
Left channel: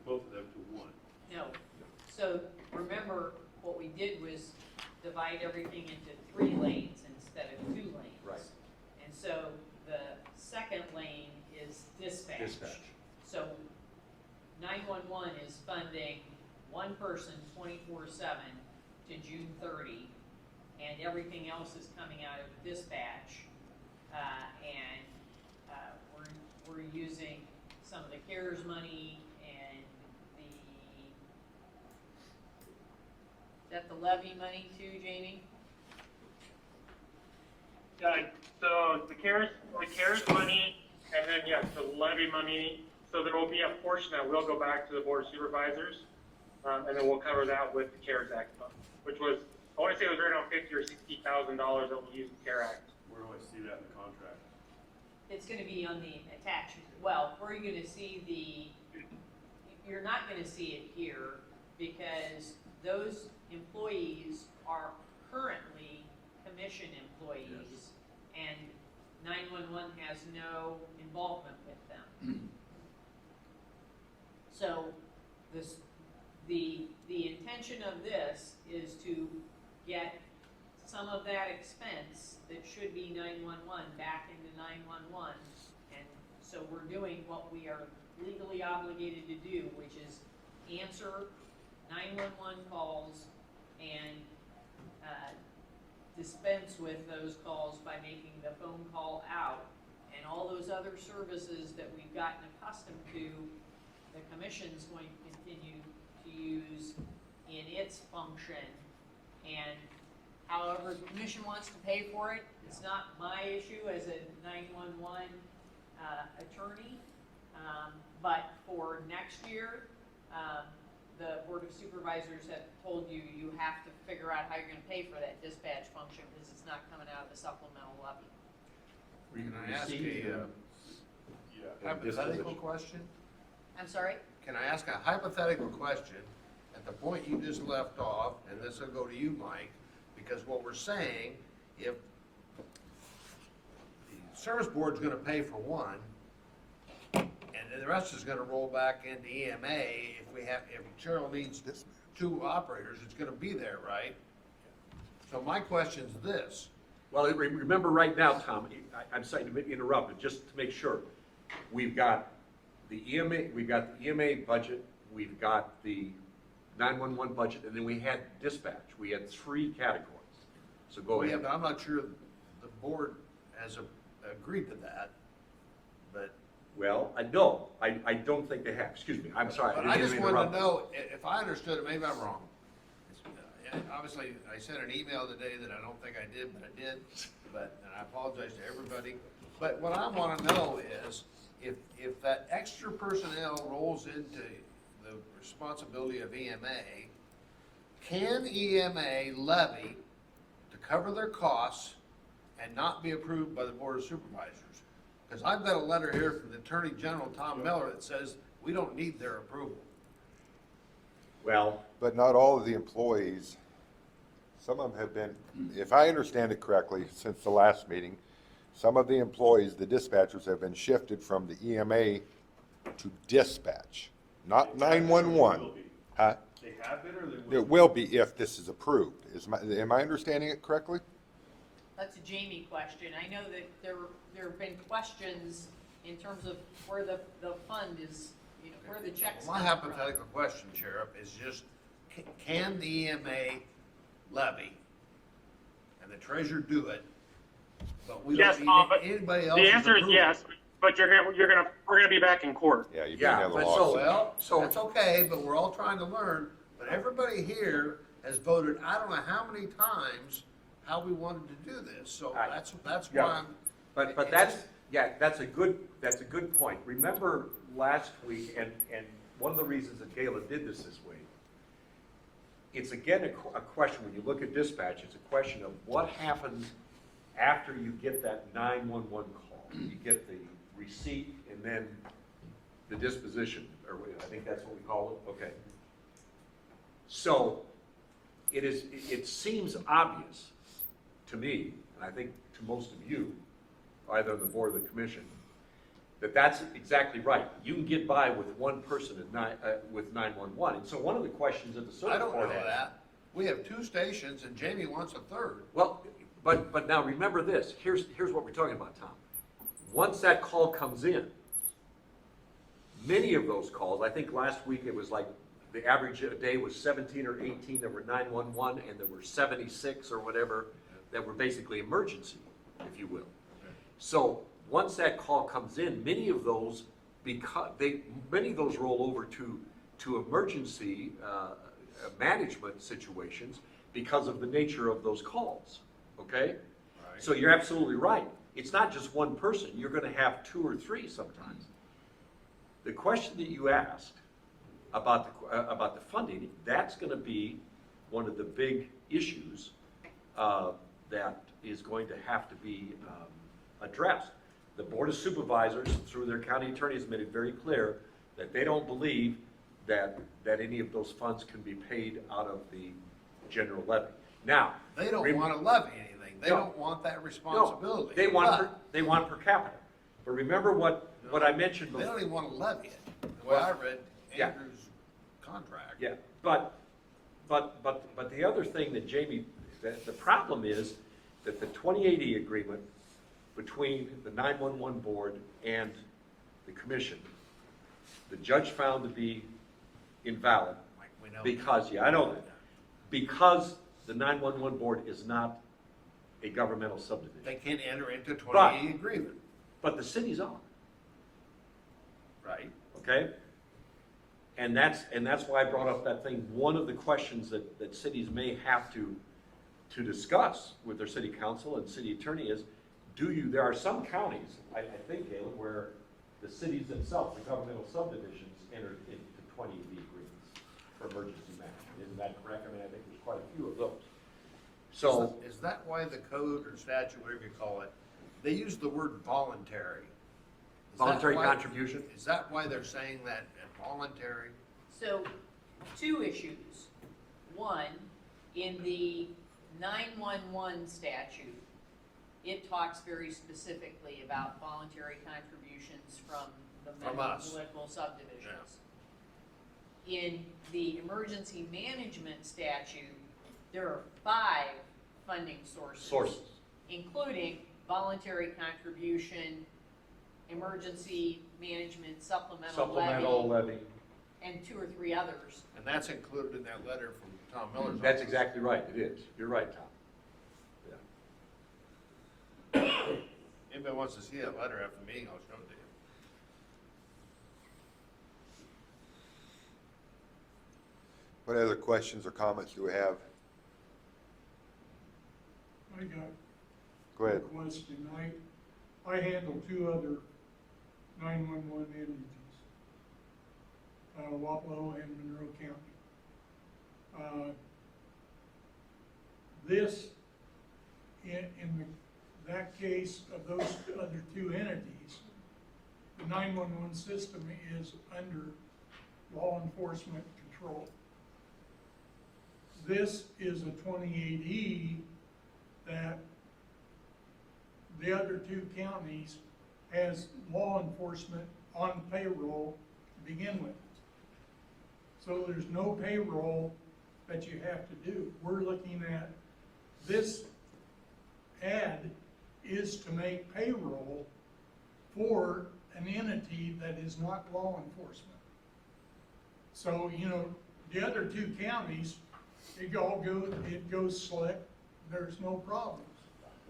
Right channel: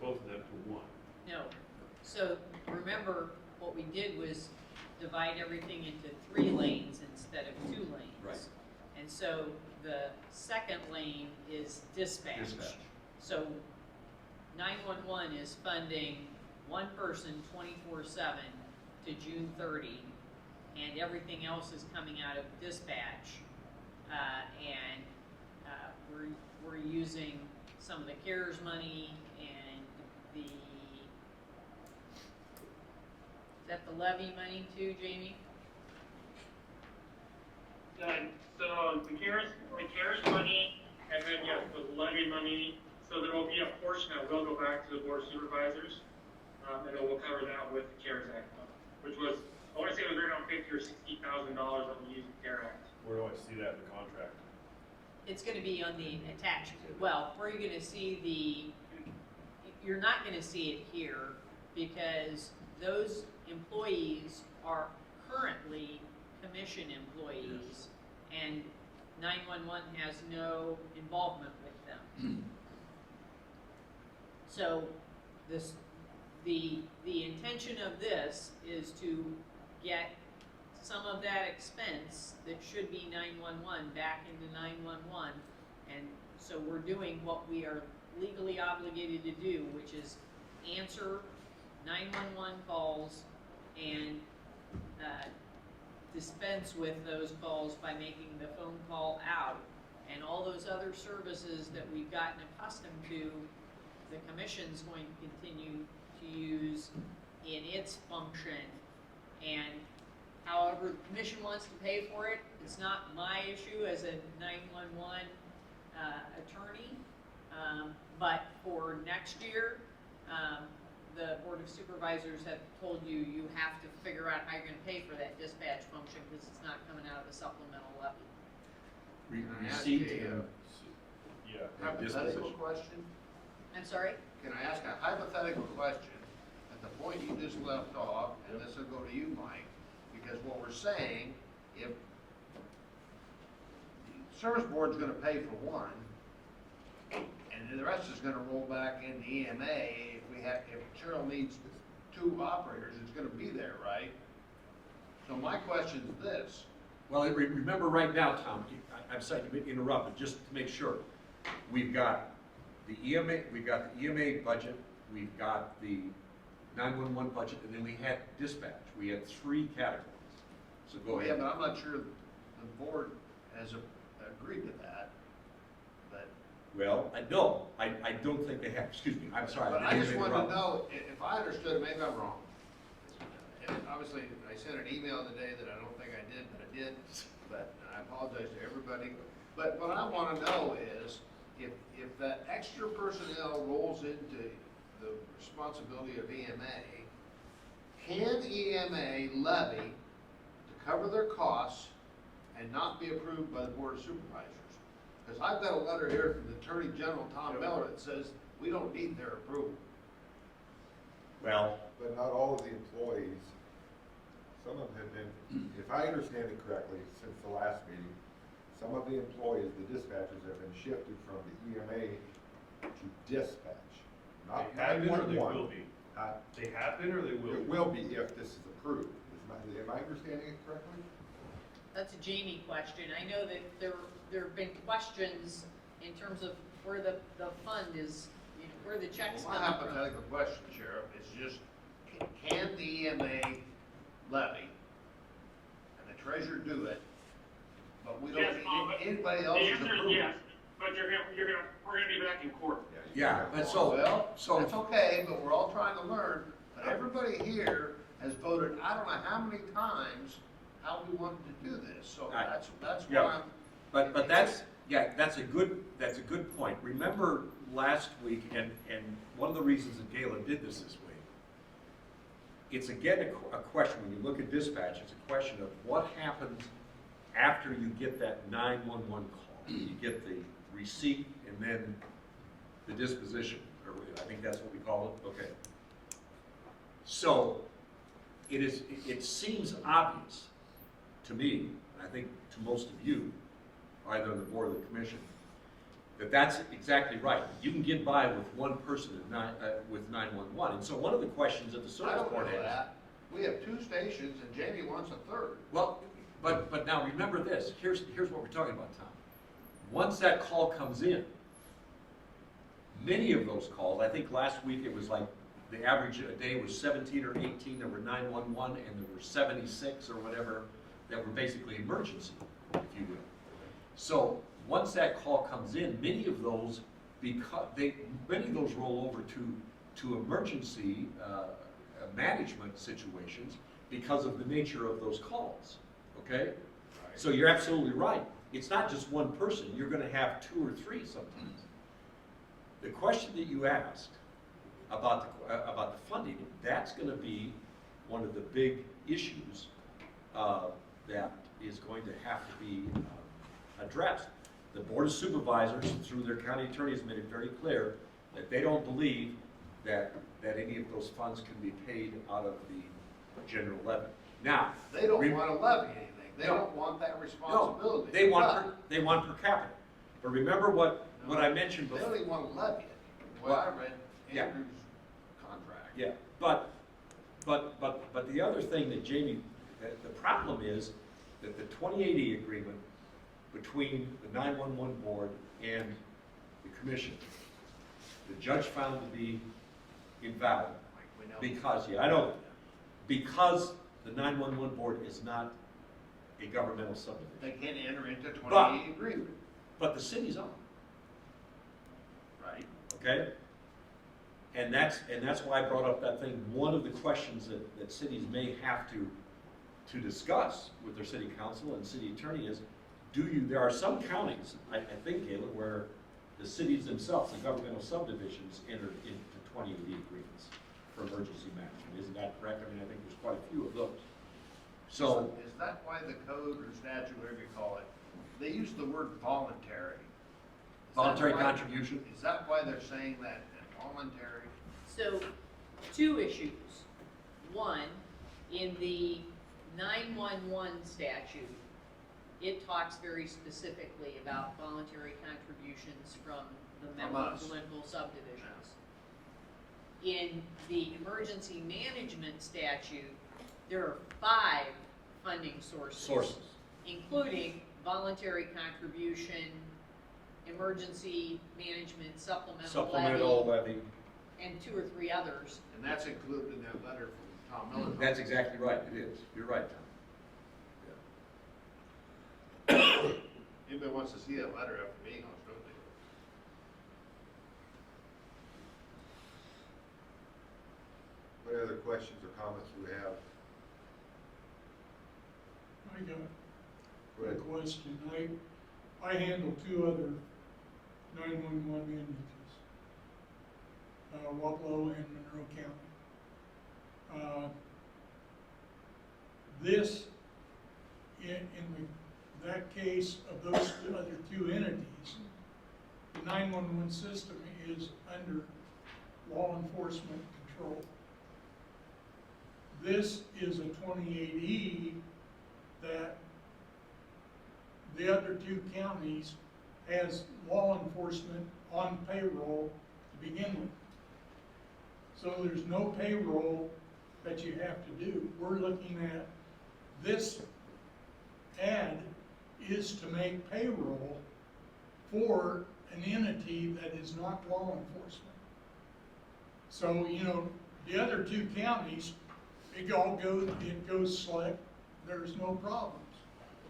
both of them to one? No. So remember, what we did was divide everything into 3 lanes instead of 2 lanes. Right. And so the second lane is dispatch. Dispatch. So 911 is funding one person 24/7 to June 30, and everything else is coming out of dispatch. We're using some of the CARES money and is that the levy money too, Jamie? So the CARES money, and then yes, the levy money. So there will be a portion that will go back to the board of supervisors, and then we'll cover that with the CARES Act money, which was I want to say it was right around $50,000 or $60,000 that we used the CARES Act. Where do I see that in the contract? It's gonna be on the attachment. Well, where you're gonna see you're not gonna see it here because those employees are currently commission employees, and 911 has no involvement with them. So the intention of this is to get some of that expense that should be 911 back into 911. And so we're doing what we are legally obligated to do, which is answer 911 calls and dispense with those calls by making the phone call out. And all those other services that we've gotten accustomed to, the commission's going to continue to use in its function. And however the commission wants to pay for it, it's not my issue as a 911 attorney. But for next year, the Board of Supervisors have told you, you have to figure out how you're gonna pay for that dispatch function, because it's not coming out of the supplemental levy. Can I ask Receipt a Yeah. hypothetical question? I'm sorry? Can I ask a hypothetical question at the point you just left off, and this will go to you, Mike, because what we're saying, if the service board's gonna pay for one, and the rest is gonna roll back into EMA, if Cheryl needs two operators, it's gonna be there, right? So my question's this, Well, remember right now, Tom, I'm sorry to interrupt, but just to make sure, we've got the EMA budget, we've got the 911 budget, and then we had dispatch. We had three categories. So go yeah, ahead. but I'm not sure the board has agreed to that, but. Well, no, I don't think they have, excuse me, I'm sorry. But I just didn't want interrupt. to know, if I understood, maybe I'm wrong. And obviously, I sent an email today that I don't think I did, but I did, but I apologize to everybody. But what I want to know is, if that extra personnel rolls into the responsibility of EMA, can EMA levy to cover their costs and not be approved by the Board of Supervisors? Because I've got a letter here from the Attorney General, Tom Miller, that says we don't need their approval. Well, But not all of the employees, some of them have been, if I understand it correctly, since the last meeting, some of the employees, the dispatchers, have been shifted from the EMA to dispatch, not They have been or they 911. will be? Huh? They have been or they will? It will be if this is approved. Am I understanding it correctly? That's a Jamie question. I know that there have been questions in terms of where the fund is, you know, where the checks My come from. hypothetical question, Sheriff, is just, can the EMA levy and the treasurer do it, but we Yes, don't but need anybody else's The answer is approval? yes, but we're gonna be back in court. Yeah, you Yeah, can have a but law. Well, that's okay, but we're all trying to learn, but everybody here has voted, I don't know how many times, how we wanted to do this, so Right. that's Yeah. why I'm. but that's a good point. Remember last week, and one of the reasons that Gayla did this week, it's again a question, when you look at dispatch, it's a question of what happens after you get that 911 call. You get the receipt and then the disposition, or I think that's what we call it, okay. So, it seems obvious to me, and I think to most of you, either on the board or the commission, that that's exactly right. You can get by with one person with 911. And so one of the questions of the I service don't know board has. that. We have two stations and Jamie wants a third. Well, but now remember this, here's what we're talking about, Tom. Once that call comes in, many of those calls, I think last week it was like, the average a day was 17 or 18 that were 911, and there were 76 or whatever that were basically emergency, if you will. So, once that call comes in, many of those roll over to emergency management situations because of the nature of those calls, okay? So you're absolutely right. It's not just one person, you're gonna have two or three sometimes. The question that you asked about the funding, that's gonna be one of the big issues that is going to have to be addressed. The Board of Supervisors, through their county attorneys, made it very clear that they don't believe that any of those funds can be paid out of the general levy. Now. They don't rem- wanna levy anything, they No. don't want that No, responsibility. they want, they want per capita. But remember what I mentioned They don't before. even wanna levy it, well, I read Yeah. Andrew's contract. Yeah, but the other thing that Jamie, that the problem is that the 2080 agreement between the 911 board and the commission, the judge found to be invalid. We know. Because, yeah, I know, because the 911 board is not a governmental subdivision. They can't enter into a But- 2080 agreement, But the city's on, right? okay? And that's why I brought up that thing. One of the questions that cities may have to discuss with their city council and city attorney is, there are some counties, I think, Galen, where the cities themselves, the governmental subdivisions, entered into 2080 agreements for emergency management. Isn't that correct? I mean, I think there's quite a few of those. So, Is that why the code or statute, whatever you call it, they use the word voluntary? Is that voluntary why- contribution? Is that why they're saying that voluntary? So, two issues. One, in the 911 statute, it talks very specifically about voluntary contributions from the member us. political subdivisions. In the emergency management statute, there are 5 funding sources. Including voluntary contribution, emergency management, Supplemental levy. and 2 or 3 others. And that's included in that letter from Tom Miller. That's exactly right, it is. You're right, Tom. Anybody wants to see that letter after me, I'll show it to you. What other questions or comments do we have? I got Go ahead. a question. I handle 2 other 911 entities, Wapello and Monroe County. This, in that case of those other 2 entities, the 911 system is under law enforcement control. This is a 28E that the other 2 counties has law enforcement on payroll to begin with. So there's no payroll that you have to do. We're looking at, this ad is to make payroll for an entity that is not law enforcement. So, the other 2 counties, it goes slick, there's no problems.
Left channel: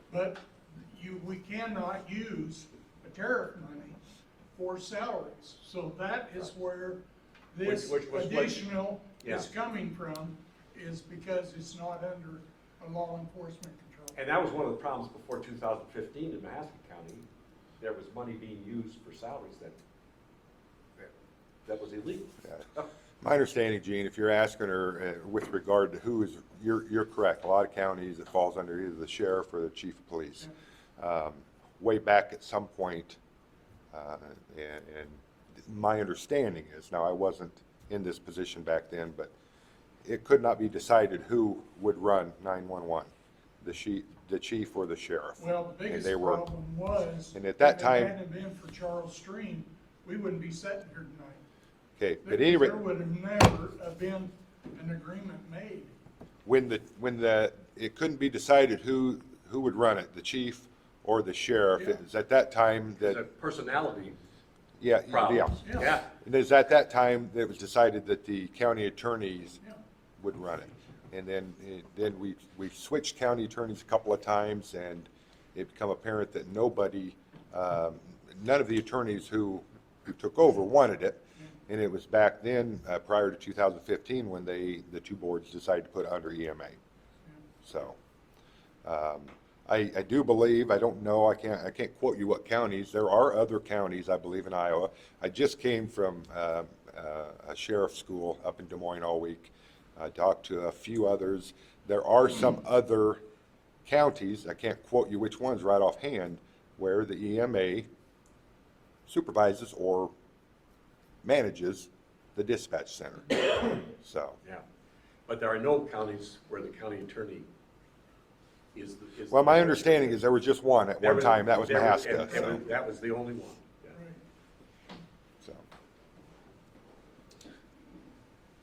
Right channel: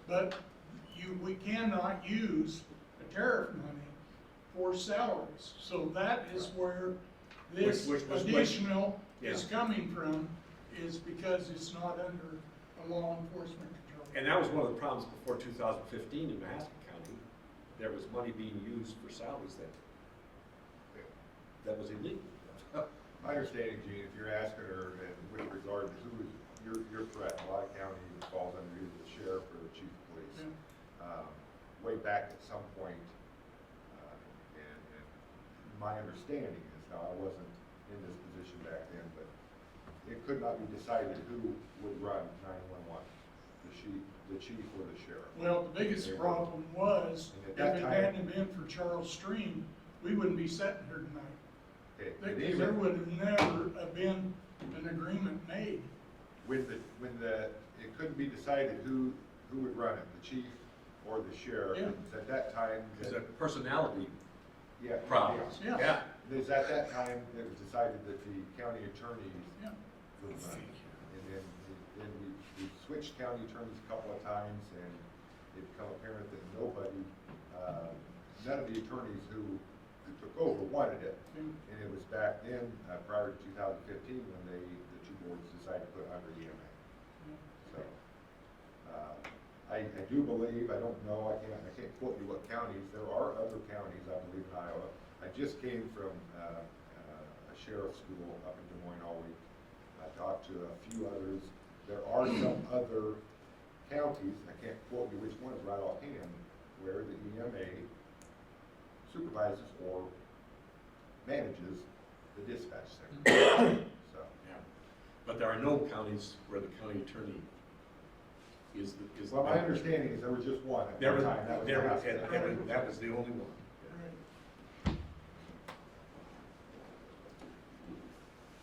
But we cannot use the tariff money for salaries. So that is where this Which- additional yeah. is coming from, is because it's not under a law enforcement control. And that was one of the problems before 2015 in Mahaska County. There was money being used for salaries that was illegal. My understanding, Gene, if you're asking her with regard to who is, you're correct. A lot of counties, it falls under either the sheriff or the chief of police. Way back at some point, and my understanding is, now I wasn't in this position back then, but it could not be decided who would run 911, the chief or the sheriff. Well, the biggest They were- problem was, and at if that it time- hadn't been for Charles Stream, we wouldn't be sitting here tonight. Okay, There at any rate, there would have never have been an agreement made. when it couldn't be decided who would run it, the chief or the sheriff, Yeah. it was at that time The that, personality yeah, problems. Yeah. Yeah. It was at that time that it was decided that the county attorneys Yeah. would run it. And then we switched county attorneys a couple of times, and it became apparent that none of the attorneys who took over wanted it. And it was back then, prior to 2015, when the 2 boards decided to put it under EMA. So, I do believe, I don't know, I can't quote you what counties, there are other counties, I believe, in Iowa. I just came from a sheriff's school up in Des Moines all week. I talked to a few others. There are some other counties, I can't quote you which ones right offhand, where the EMA supervises or manages the dispatch center. So, Yeah. But there are no counties where the county attorney is. Well, my understanding is there was just one at There one time, that was there Mahaska. and that was the only one. So.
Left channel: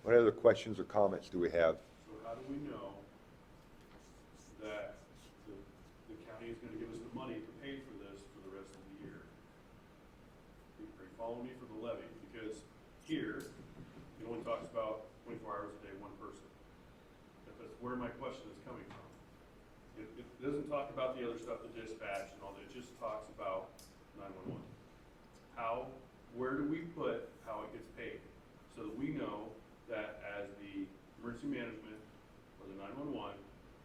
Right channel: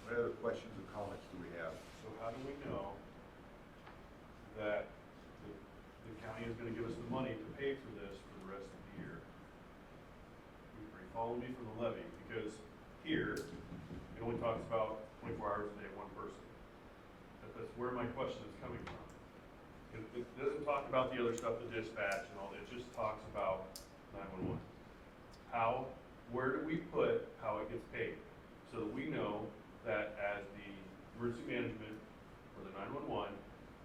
What other questions or comments do we have? So how do we know that the county is gonna give us the money to pay for this for the rest of the year? Are you following me for the levy? Because here, it only talks about 24 hours a day, one person. That's where my question is coming from. It doesn't talk about the other stuff, the dispatch and all, it just talks about 911. How, where do we put how it gets paid? So that we know that as the emergency management for the 911,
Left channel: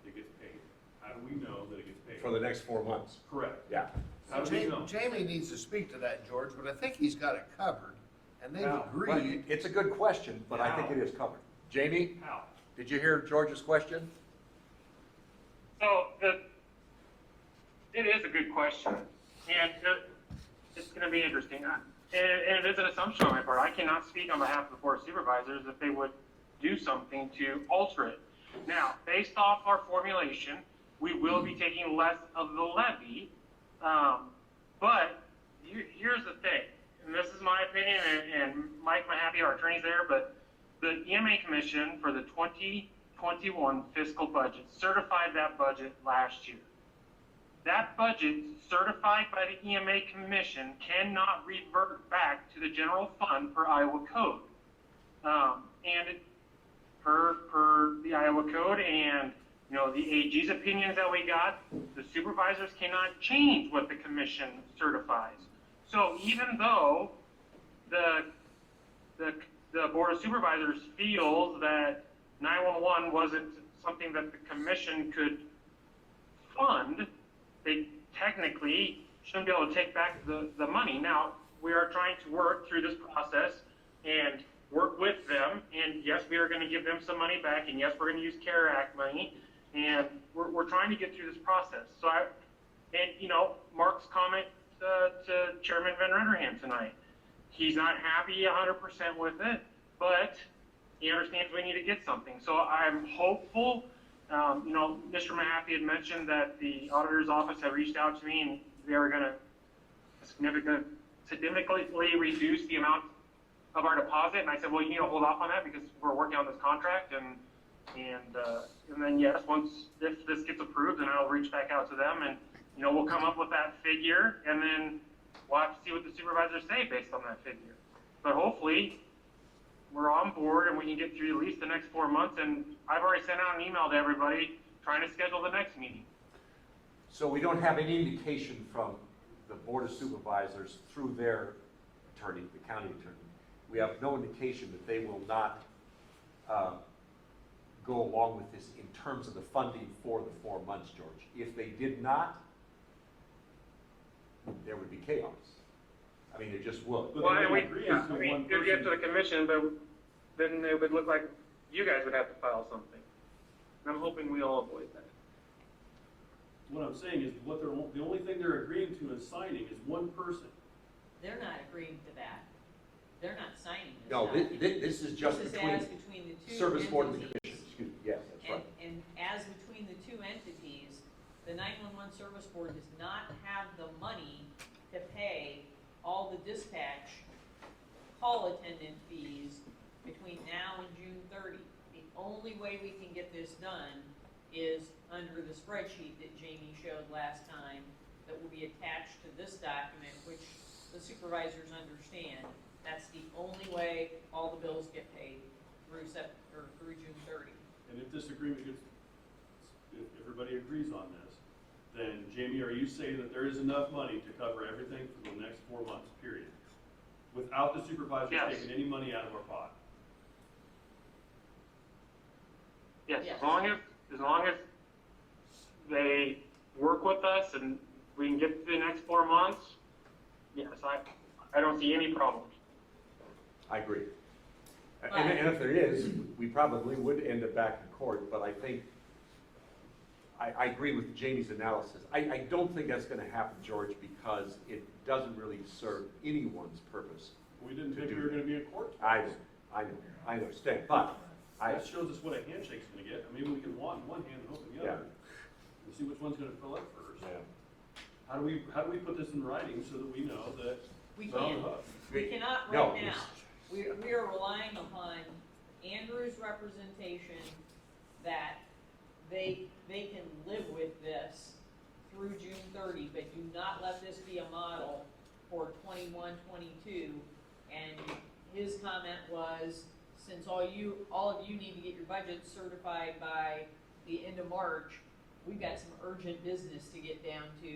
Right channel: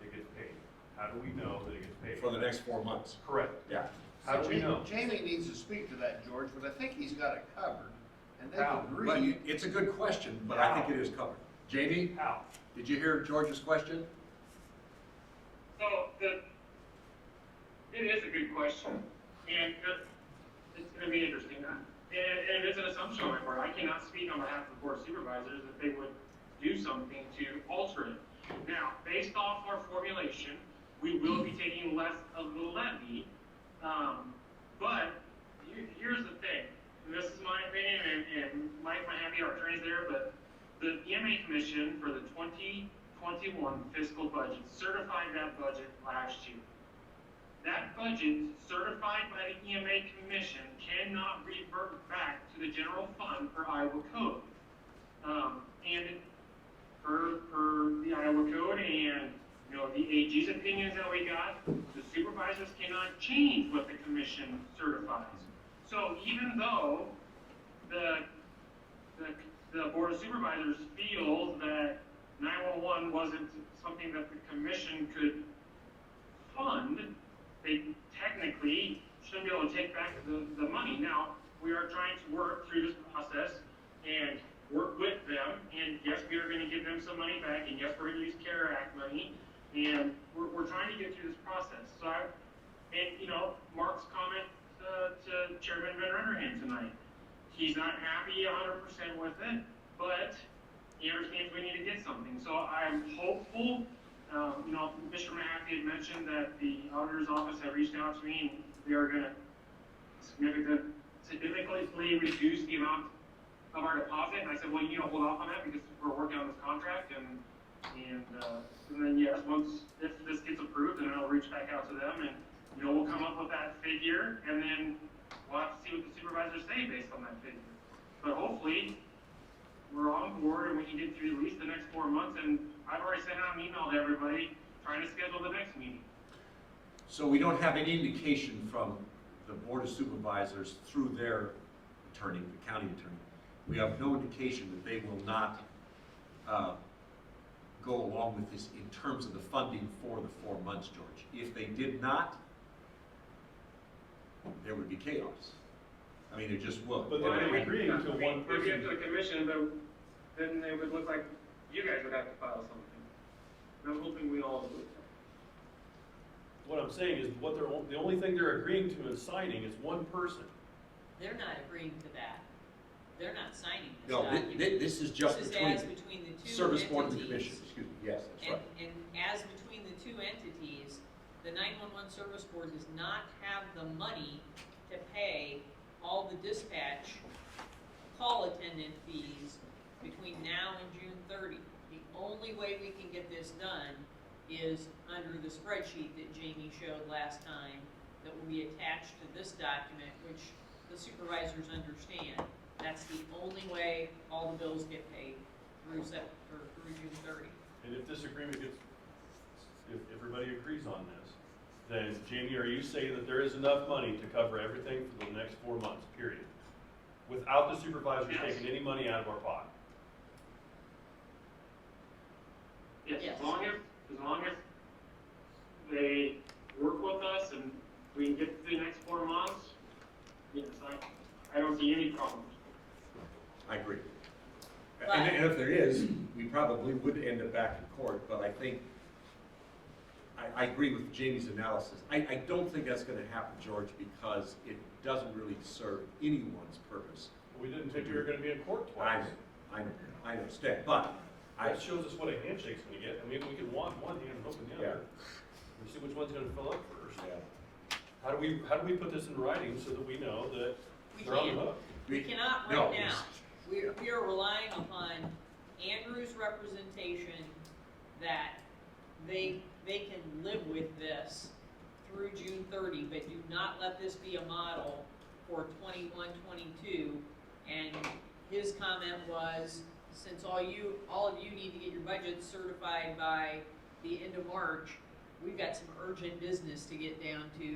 it gets paid. How do we know that it gets paid? For the next 4 months. Correct. Yeah. How do we know? Jamie needs to speak to that, George, but I think he's got it covered, and they've But agreed. it's a good question, but I think it is covered. Jamie, How? did you hear George's question? So it is a good question, and it's going to be interesting. And it is an assumption on my part. I cannot speak on behalf of the Board of Supervisors that they would do something to alter it. Now, based off our formulation, we will be taking less of the levy, but here's the thing, and this is my opinion, and Mike Mahaska, our attorney's there, but the EMA Commission for the 2021 fiscal budget certified that budget last year. That budget certified by the EMA Commission cannot revert back to the general fund per Iowa code. And per the Iowa code and, you know, the AG's opinions that we got, the supervisors cannot change what the commission certifies. So even though the Board of Supervisors feels that 911 wasn't something that the commission could fund, they technically shouldn't be able to take back the money. Now, we are trying to work through this process and work with them, and yes, we are going to give them some money back, and yes, we're going to use CARE Act money, and we're trying to get through this process. So you know, Mark's comment to Chairman Van Renderham tonight, he's not happy 100% with it, but he understands we need to get something. So I'm hopeful. You know, Mr. Mahaffey had mentioned that the auditor's office had reached out to me and they are going to significantly reduce the amount of our deposit. And I said, well, you need to hold off on that because we're working on this contract. And then yes, if this gets approved, then I'll reach back out to them and, you know, we'll come up with that figure and then we'll have to see what the supervisors say based on that figure. But hopefully we're on board and we can get through at least the next 4 months. And I've already sent out an email to everybody trying to schedule the next meeting. So we don't have any indication from the Board of Supervisors through their attorney, the county attorney. We have no indication that they will not go along with this in terms of the funding for the 4 months, George. If they did not, there would be chaos. I mean, it just would. But Well, they we agree to one maybe get to person. the commission, but then it would look like you guys would have to file something. And I'm hoping we all avoid that. What I'm saying is, the only thing they're agreeing to and signing is one person. They're not agreeing to that. They're not signing this No, document. this is just This is between as between the two Service Board and the entities. Commission, excuse me, yes, that's right. And as between the two entities, the 911 Service Board does not have the money to pay all the dispatch call attendant fees between now and June 30. The only way we can get this done is under the spreadsheet that Jamie showed last time that we attached to this document, which the supervisors understand. That's the only way all the bills get paid through June 30. And if this agreement gets, if everybody agrees on this, then Jamie, are you saying that there is enough money to cover everything for the next 4 months, period? Without the supervisor Yes. taking any money out of our pot? Yes, Yes. as long as they work with us and we can get through the next 4 months, yes, I don't see any problems. I agree. And if there is, we probably would end up back in court, but I think, I agree with Jamie's analysis. I don't think that's gonna happen, George, because it doesn't really serve anyone's purpose. We didn't think we were gonna be in court twice. I understand, but That shows us what a handshake's gonna get. I mean, we can walk one hand and open the other. The see which one's gonna fill up first. Yeah. How do we put this in writing so that we know that We they're on can't. the hook? We cannot No, right now. We are relying upon Andrew's representation that they can live with this through June 30, but do not let this be a model for 21, 22. And his comment was, since all of you need to get your budget certified by the end of March, we've got some urgent business to get down to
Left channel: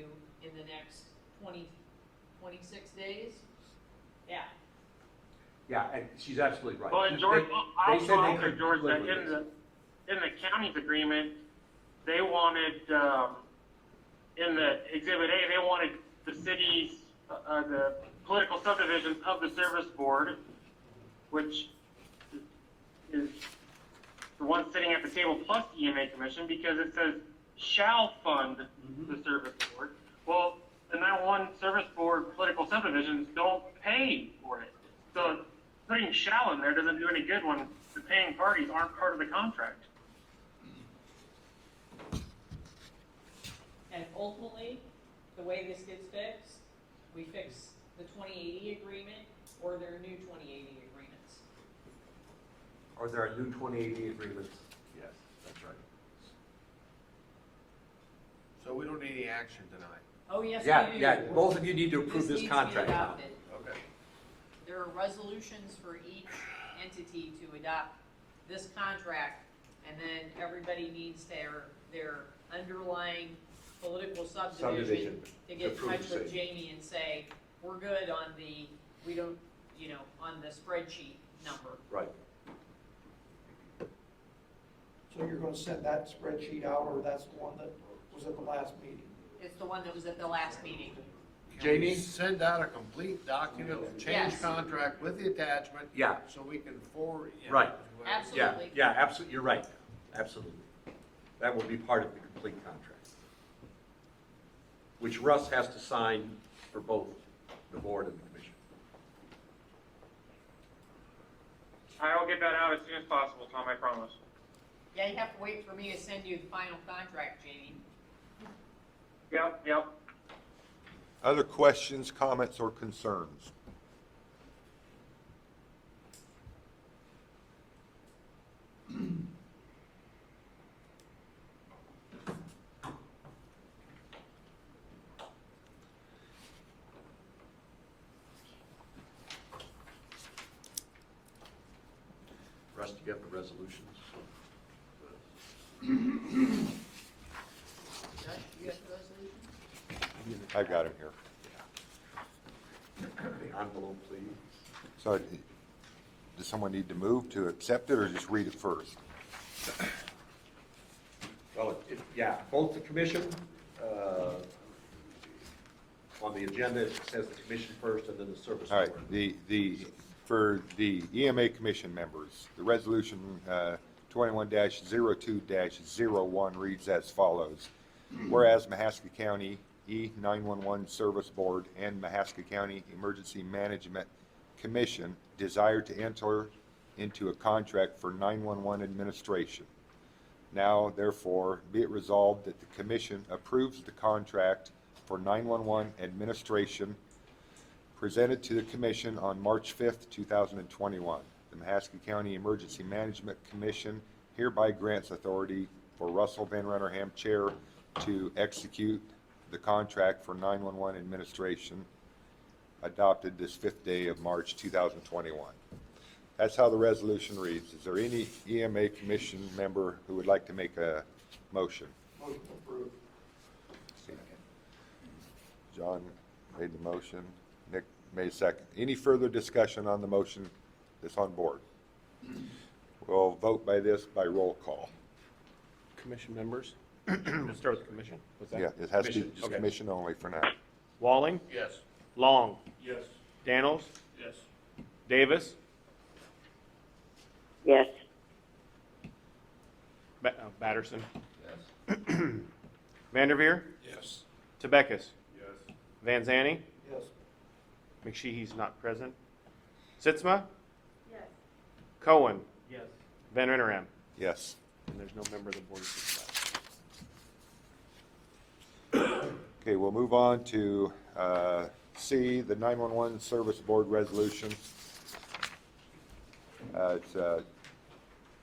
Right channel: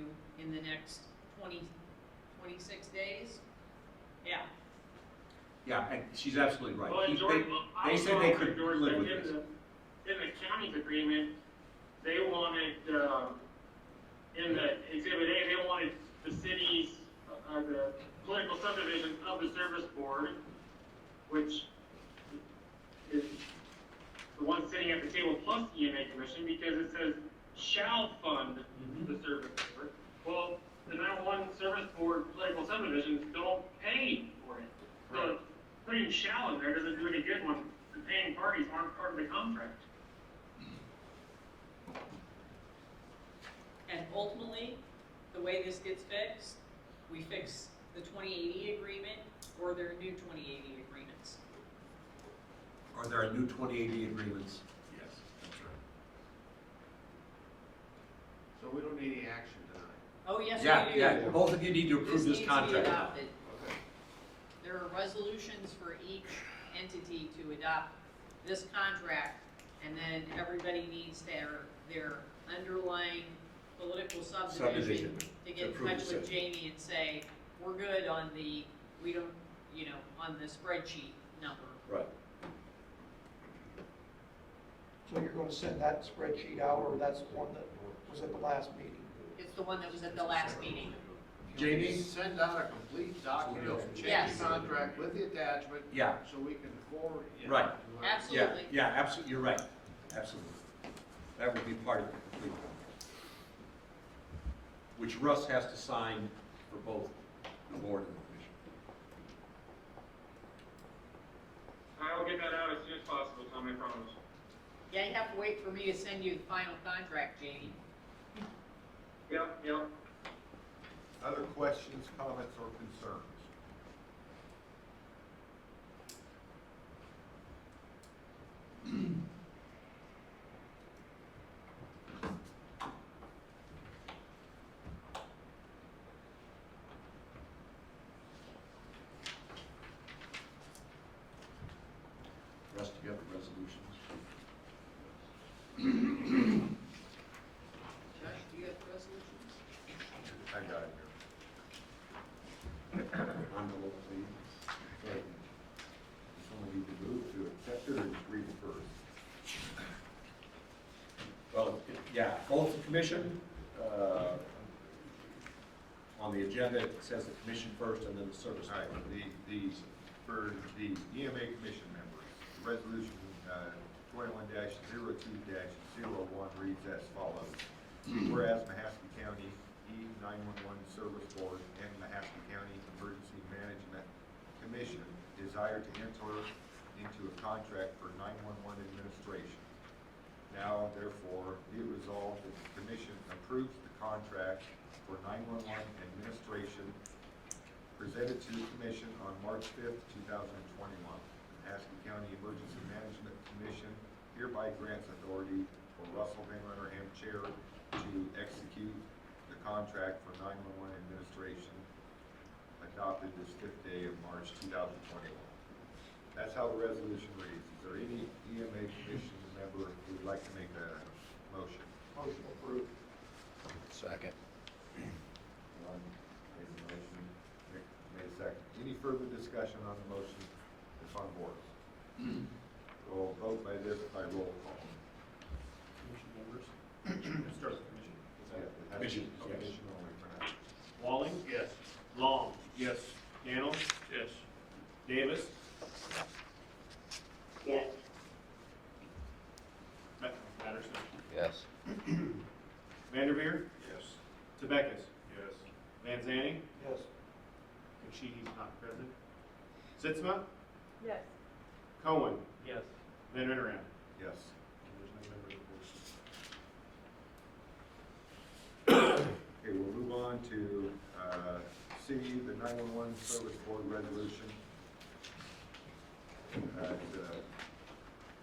in the next 26 days. Yeah. Yeah, and she's absolutely right. Well, and George, I They also said they offered could George that live with this. in the county's agreement, they wanted, in the Exhibit A, they wanted the city's, the political subdivisions of the service board, which is the one sitting at the table plus the EMA commission, because it says shall fund the service board. Well, the 911 service board political subdivisions don't pay for it. So putting shall in there doesn't do any good when the paying parties aren't part of the contract. And ultimately, the way this gets fixed, we fix the 2080 agreement, or there are new 2080 agreements. Are there new 2080 agreements? Yes, that's right. So we don't need any action tonight. Oh, yes, Yeah, we do. yeah, both of you need to approve this needs to be contract now. adopted. Okay. There are resolutions for each entity to adopt this contract, and then everybody needs their underlying political subdivision to get in approve touch the with same. Jamie and say, we're good on we don't, on the spreadsheet number. Right. So you're gonna send that spreadsheet out, or that's the one that was at the last meeting? It's the one that was at the last meeting. Jamie? Send out a complete document of the change Yes. contract with the attachment. Yeah. So we can forward. Right. Absolutely. Yeah, yeah, absolutely, you're right, absolutely. That will be part of the complete contract. Which Russ has to sign for both the board and the commission. I'll get that out as soon as possible, Tom, I promise. Yeah, you have to wait for me to send you the final contract, Jamie. Yep. Other questions, comments, or concerns? Russ, do you have the resolutions? Josh, do you have the resolution? I got it here. Envelope, please. So, does someone need to move to accept it, or just read it first? Well, yeah, both the commission, on the agenda, it says the commission first and then the service. All right, board. for the EMA commission members, the resolution 21-02-01 reads as follows. Whereas Mahaska County E911 Service Board and Mahaska County Emergency Management Commission desire to enter into a contract for 911 administration. Now, therefore, be it resolved that the commission approves the contract for 911 administration presented to the commission on March 5th, 2021. The Mahaska County Emergency Management Commission hereby grants authority for Russell Van Rennerham, Chair, to execute the contract for 911 administration adopted this 5th day of March 2021. That's how the resolution reads. Is there any EMA commission member who would like to make a motion? Motion approved. Second. John made the motion, Nick made a second. Any further discussion on the motion that's on board? We'll vote by roll call. Commission members? Let's start with the commission. What's that? Yeah, it has to be Commission, just okay. commission only for now. Walling? Yes. Long? Yes. Daniels? Yes. Davis? yes, Patterson? Yes. Vanderveer? Yes. Tebekis? Yes. Van Zanny? Yes. McSheehy's not present. Sitzma? yes, Cohen? Yes. Van Rennerham? Yes. And there's no member of the board. who says Okay, we'll move on to C, the 911 Service Board Resolution. It's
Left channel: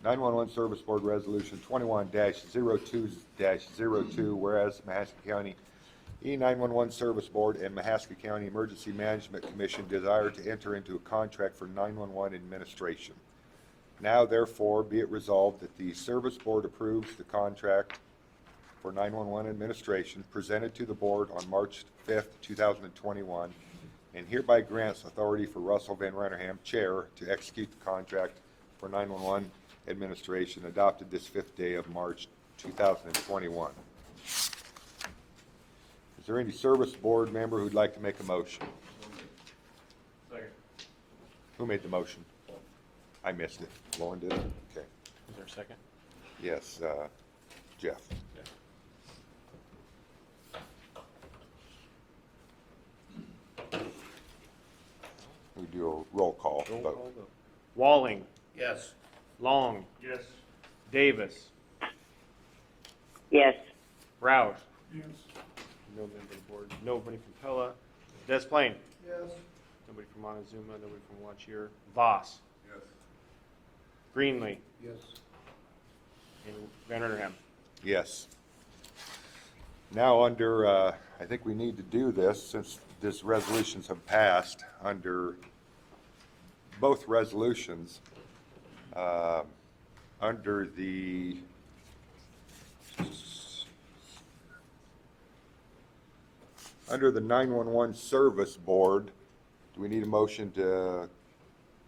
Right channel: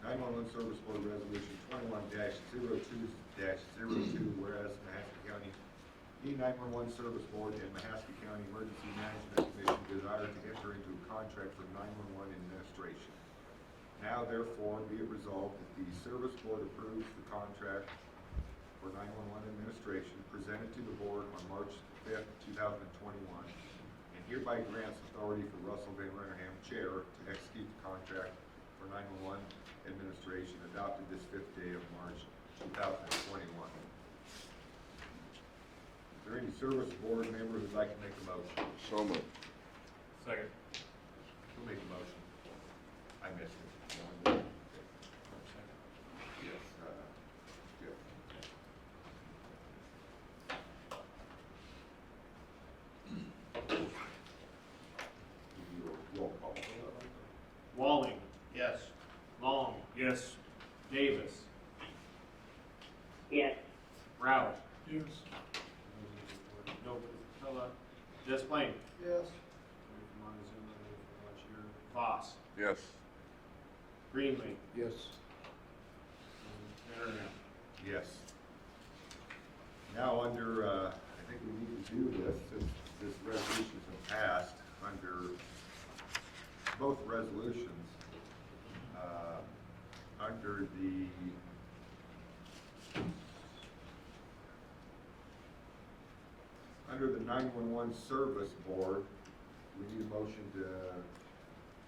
911 Service Board Resolution 21-02-02, whereas Mahaska County E911 Service Board and Mahaska County Emergency Management Commission desire to enter into a contract for 911 administration. Now therefore be it resolved that the Service Board approves the contract for 911 administration presented to the board on March 5th, 2021, and hereby grants authority for Russell Van Rennerham, Chair, to execute the contract for 911 administration adopted this 5th day of March 2021. Is there any service board member who'd like to make a motion? So moved. Second. Who made the motion? I missed it. Lauren did? Okay. Is there a second? Yes, Jeff. We do a roll call vote. Walling, Yes. Long, Yes. Davis, Yes. Roush. Yes. Nobody from Pella. Des Plain. Yes. Nobody from Montezuma, nobody from Watchier. Voss. Yes. Greenlee. Yes. And Van Rennerham. Yes. Now under, I think we need to do this since these resolutions have passed under both resolutions. Under the under the 911 Service Board, do we need a motion to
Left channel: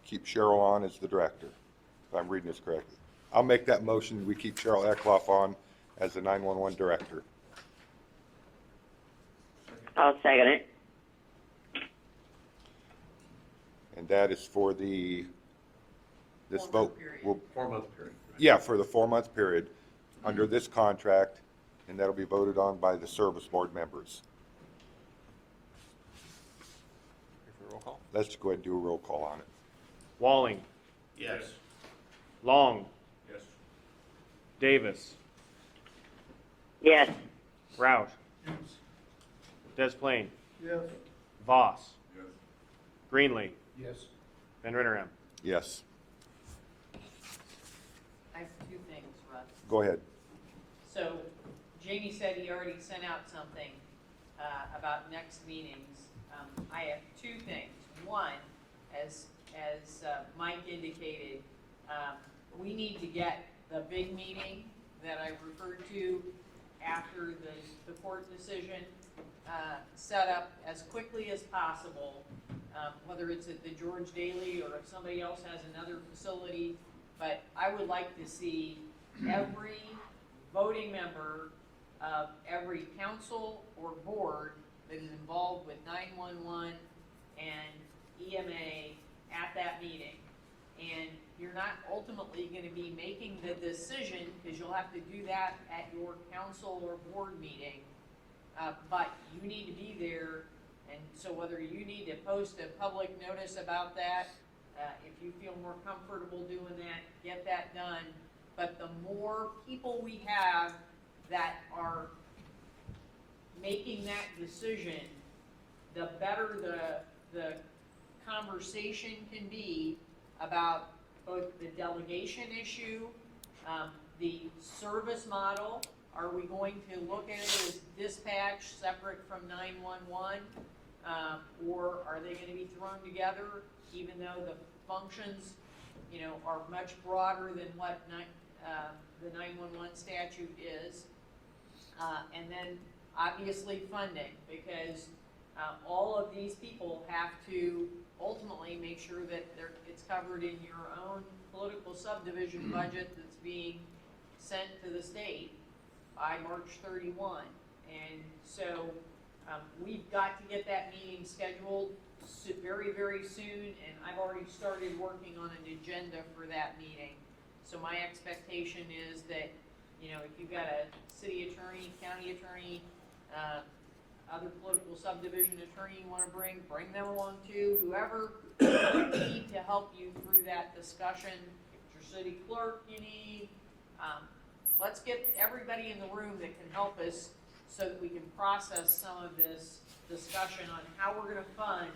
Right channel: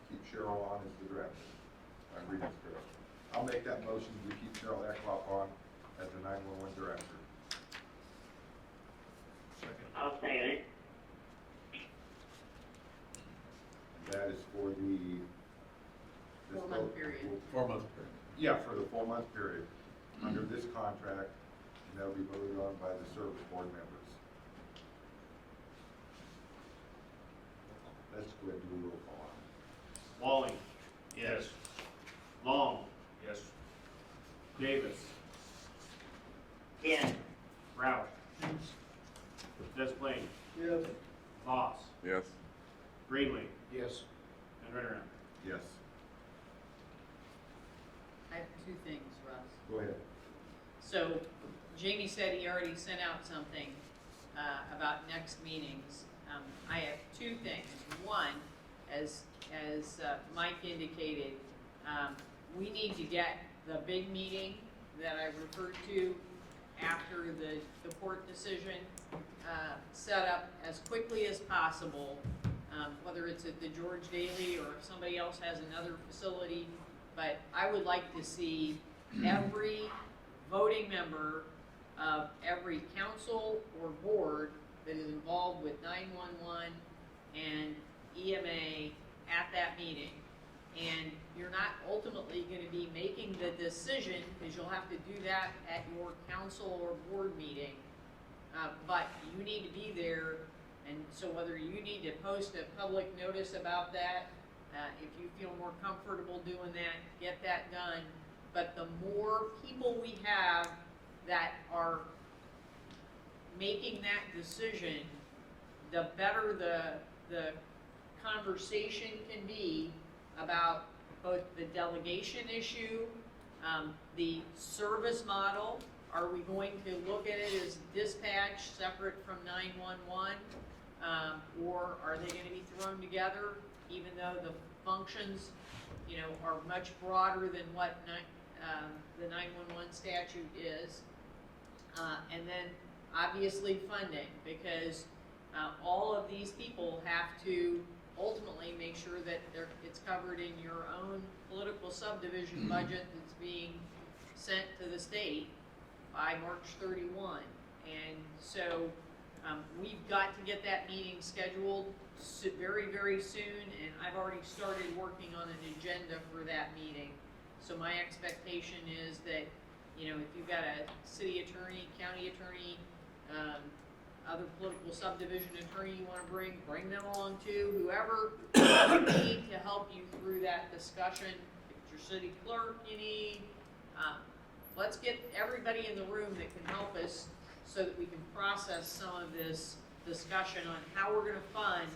keep Cheryl on as the director? If I'm reading this correctly. I'll make that motion. We keep Cheryl Eckloff on as the 911 director. I'll second it. And that is for the, this 4-month vote. period. will- 4-month period. Yeah, for the 4-month period under this contract, and that'll be voted on by the service board members. Roll call. Let's just go ahead and do a roll call on it. Walling, Yes. Long, Yes. Davis, Yes. Roush. Des Plain. Yes. Voss. Yes. Greenlee. Yes. Van Rennerham. Yes, I have two things, Russ. go ahead. So Jamie said he already sent out something about next meetings. I have two things. One, as Mike indicated, we need to get the big meeting that I referred to after the court decision set up as quickly as possible, whether it's at the George Daily or if somebody else has another facility. But I would like to see every voting member of every council or board that is involved with 911 and EMA at that meeting. And you're not ultimately gonna be making the decision, because you'll have to do that at your council or board meeting. But you need to be there, and so whether you need to post a public notice about that, if you feel more comfortable doing that, get that done. But the more people we have that are making that decision, the better the conversation can be about both the delegation issue, the service model. Are we going to look at it as dispatch separate from 911? Or are they gonna be thrown together, even though the functions, are much broader than what the 911 statute is? And then obviously funding, because all of these people have to ultimately make sure that it's covered in your own political subdivision budget that's being sent to the state by March 31. And so we've got to get that meeting scheduled very, very soon, and I've already started working on an agenda for that meeting. So my expectation is that, if you've got a city attorney, county attorney, other political subdivision attorney you wanna bring them along too, whoever you need to help you through that discussion. If it's your city clerk you need, let's get everybody in the room that can help us so that we can process some of this discussion on how we're gonna fund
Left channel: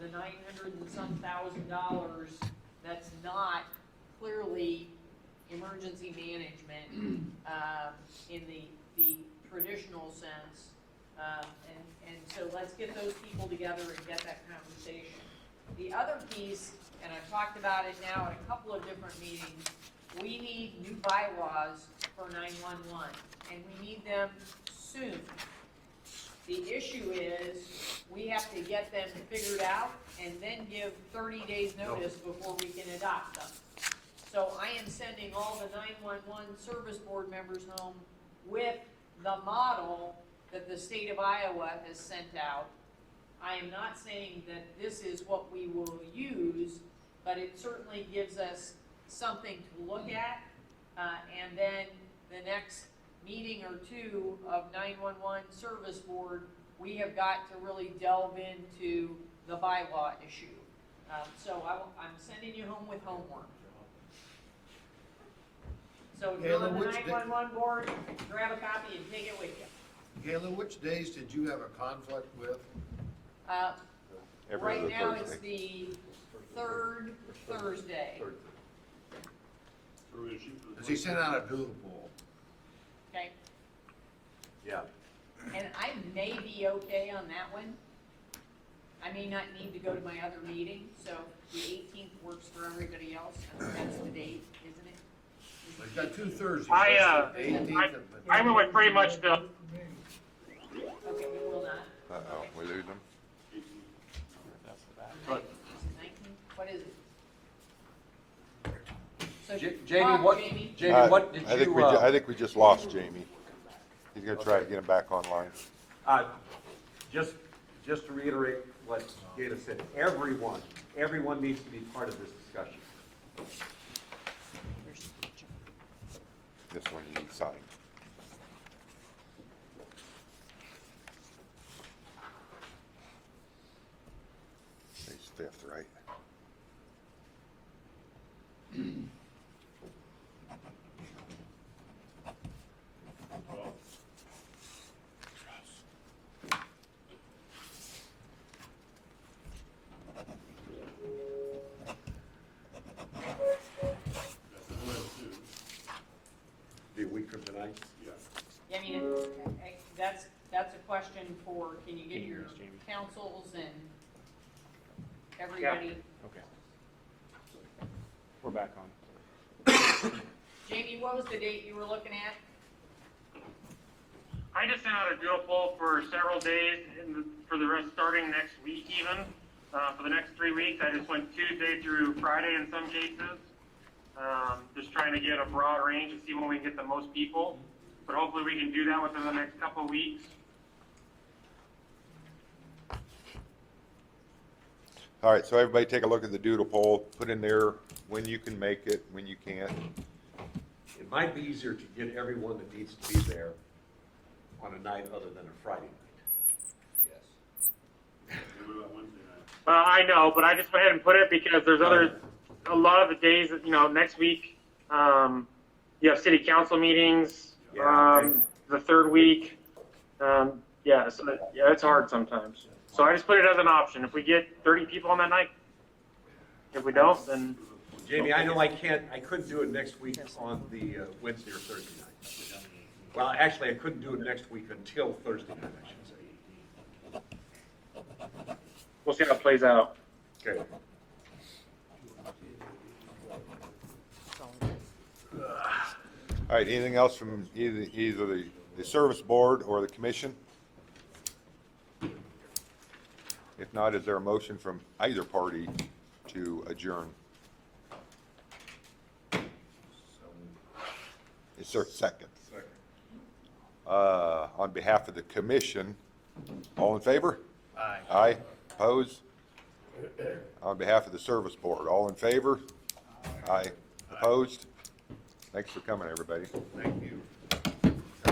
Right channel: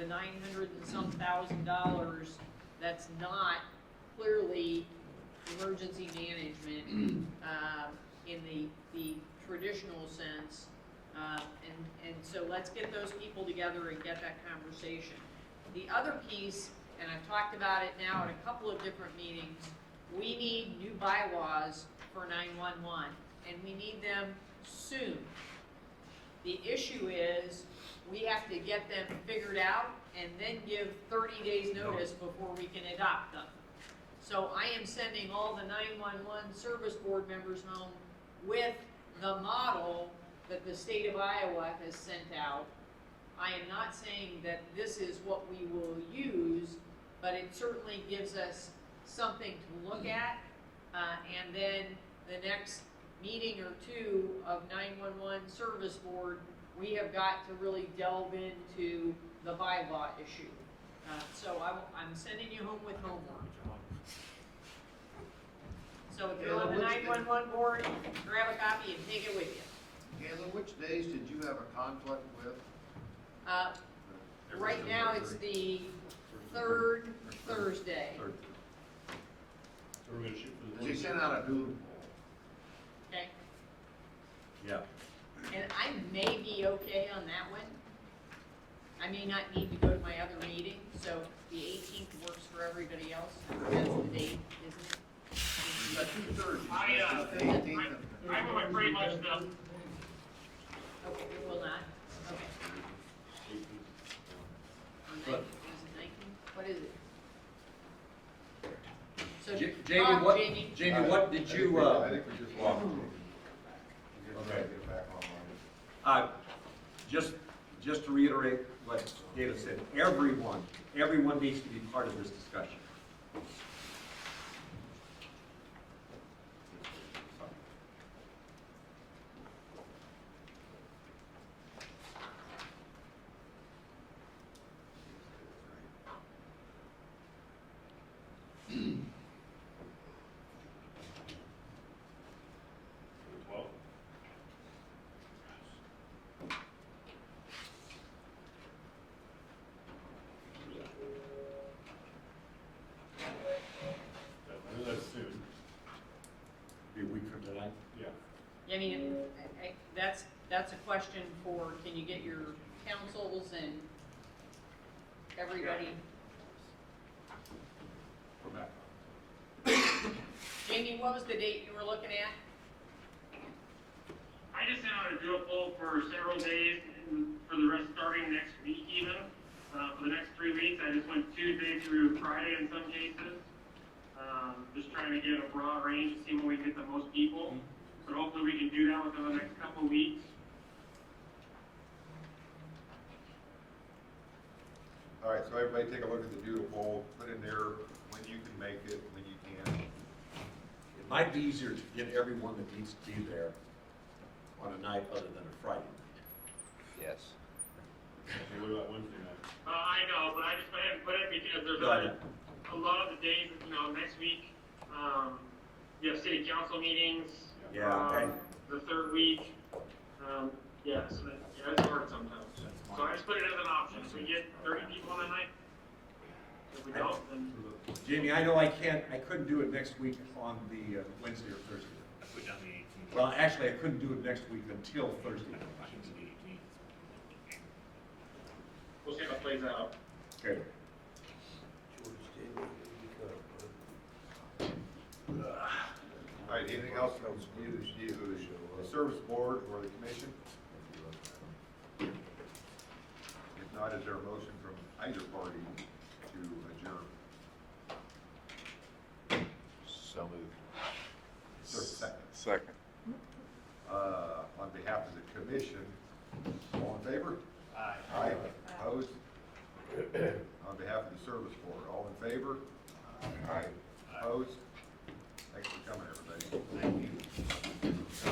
the 900 and some $1,000 that's not clearly emergency management, in the traditional sense. And so let's get those people together and get that conversation. The other piece, and I've talked about it now at a couple of different meetings, we need new bylaws for 911, and we need them soon. The issue is, we have to get them figured out and then give 30 days notice before we can adopt them. So I am sending all the 911 service board members home with the model that the state of Iowa has sent out. I am not saying that this is what we will use, but it certainly gives us something to look at. And then the next meeting or two of 911 service board, we have got to really delve into the bylaw issue. So I'm sending you home with homework. So if you're on the 911 board, grab a copy and take it with you. Galen, which days did you have a conflict with? Every Right other now, it's Thursday. the third Thursday. So we're gonna shoot for the. Because he sent out a doodle poll. Okay, Yeah. and I may be okay on that one. I may not need to go to my other meeting, so the 18th works for everybody else. That's the date, isn't it? We've got 2 Thursdays. I, the 18th and- I went with pretty much the, Okay, we will not. Uh-oh, we lose them. 19th, what is it? So, Jamie, talk, what, Jamie. Jamie, what did I think you, I think we just lost Jamie. He's gonna try to get him back online. just to reiterate what Gayla said, everyone needs to be part of this discussion. This one you sign. He's fifth, right? Be a week from tonight. Yeah. I mean, that's a question for, can you get your councils and everybody? We're back on. Jamie, what was the date you were looking at? I just sent out a doodle poll for several days, for the rest, starting next week even. For the next 3 weeks, I just went Tuesday through Friday in some cases. Just trying to get a broad range and see when we can get the most people. But hopefully we can do that within the next couple of weeks. All right, so everybody take a look at the doodle poll, put in there when you can make it, when you can. It might be easier to get everyone that needs to be there on a night other than a Friday. Yes. What about Wednesday night? I know, but I just went ahead and put it because there's a lot of the days that, next week, you have city council meetings, Yeah. the third week. Yeah, it's hard sometimes. So I just put it as an option. If we get 30 people on that night, if we don't, then Jamie, I know I couldn't do it next week on the Wednesday or Thursday night. Well, actually, I couldn't do it next week until Thursday night, I should say. we'll see how it plays out. Okay. All right, anything else from either the service board or the commission? If not, is there a motion from either party to adjourn? So moved. Is there a second? Second. On behalf of the commission, all in favor? Aye. Aye, opposed? On behalf of the service board, all in favor? Aye, opposed? Thanks for coming, everybody. Thank you.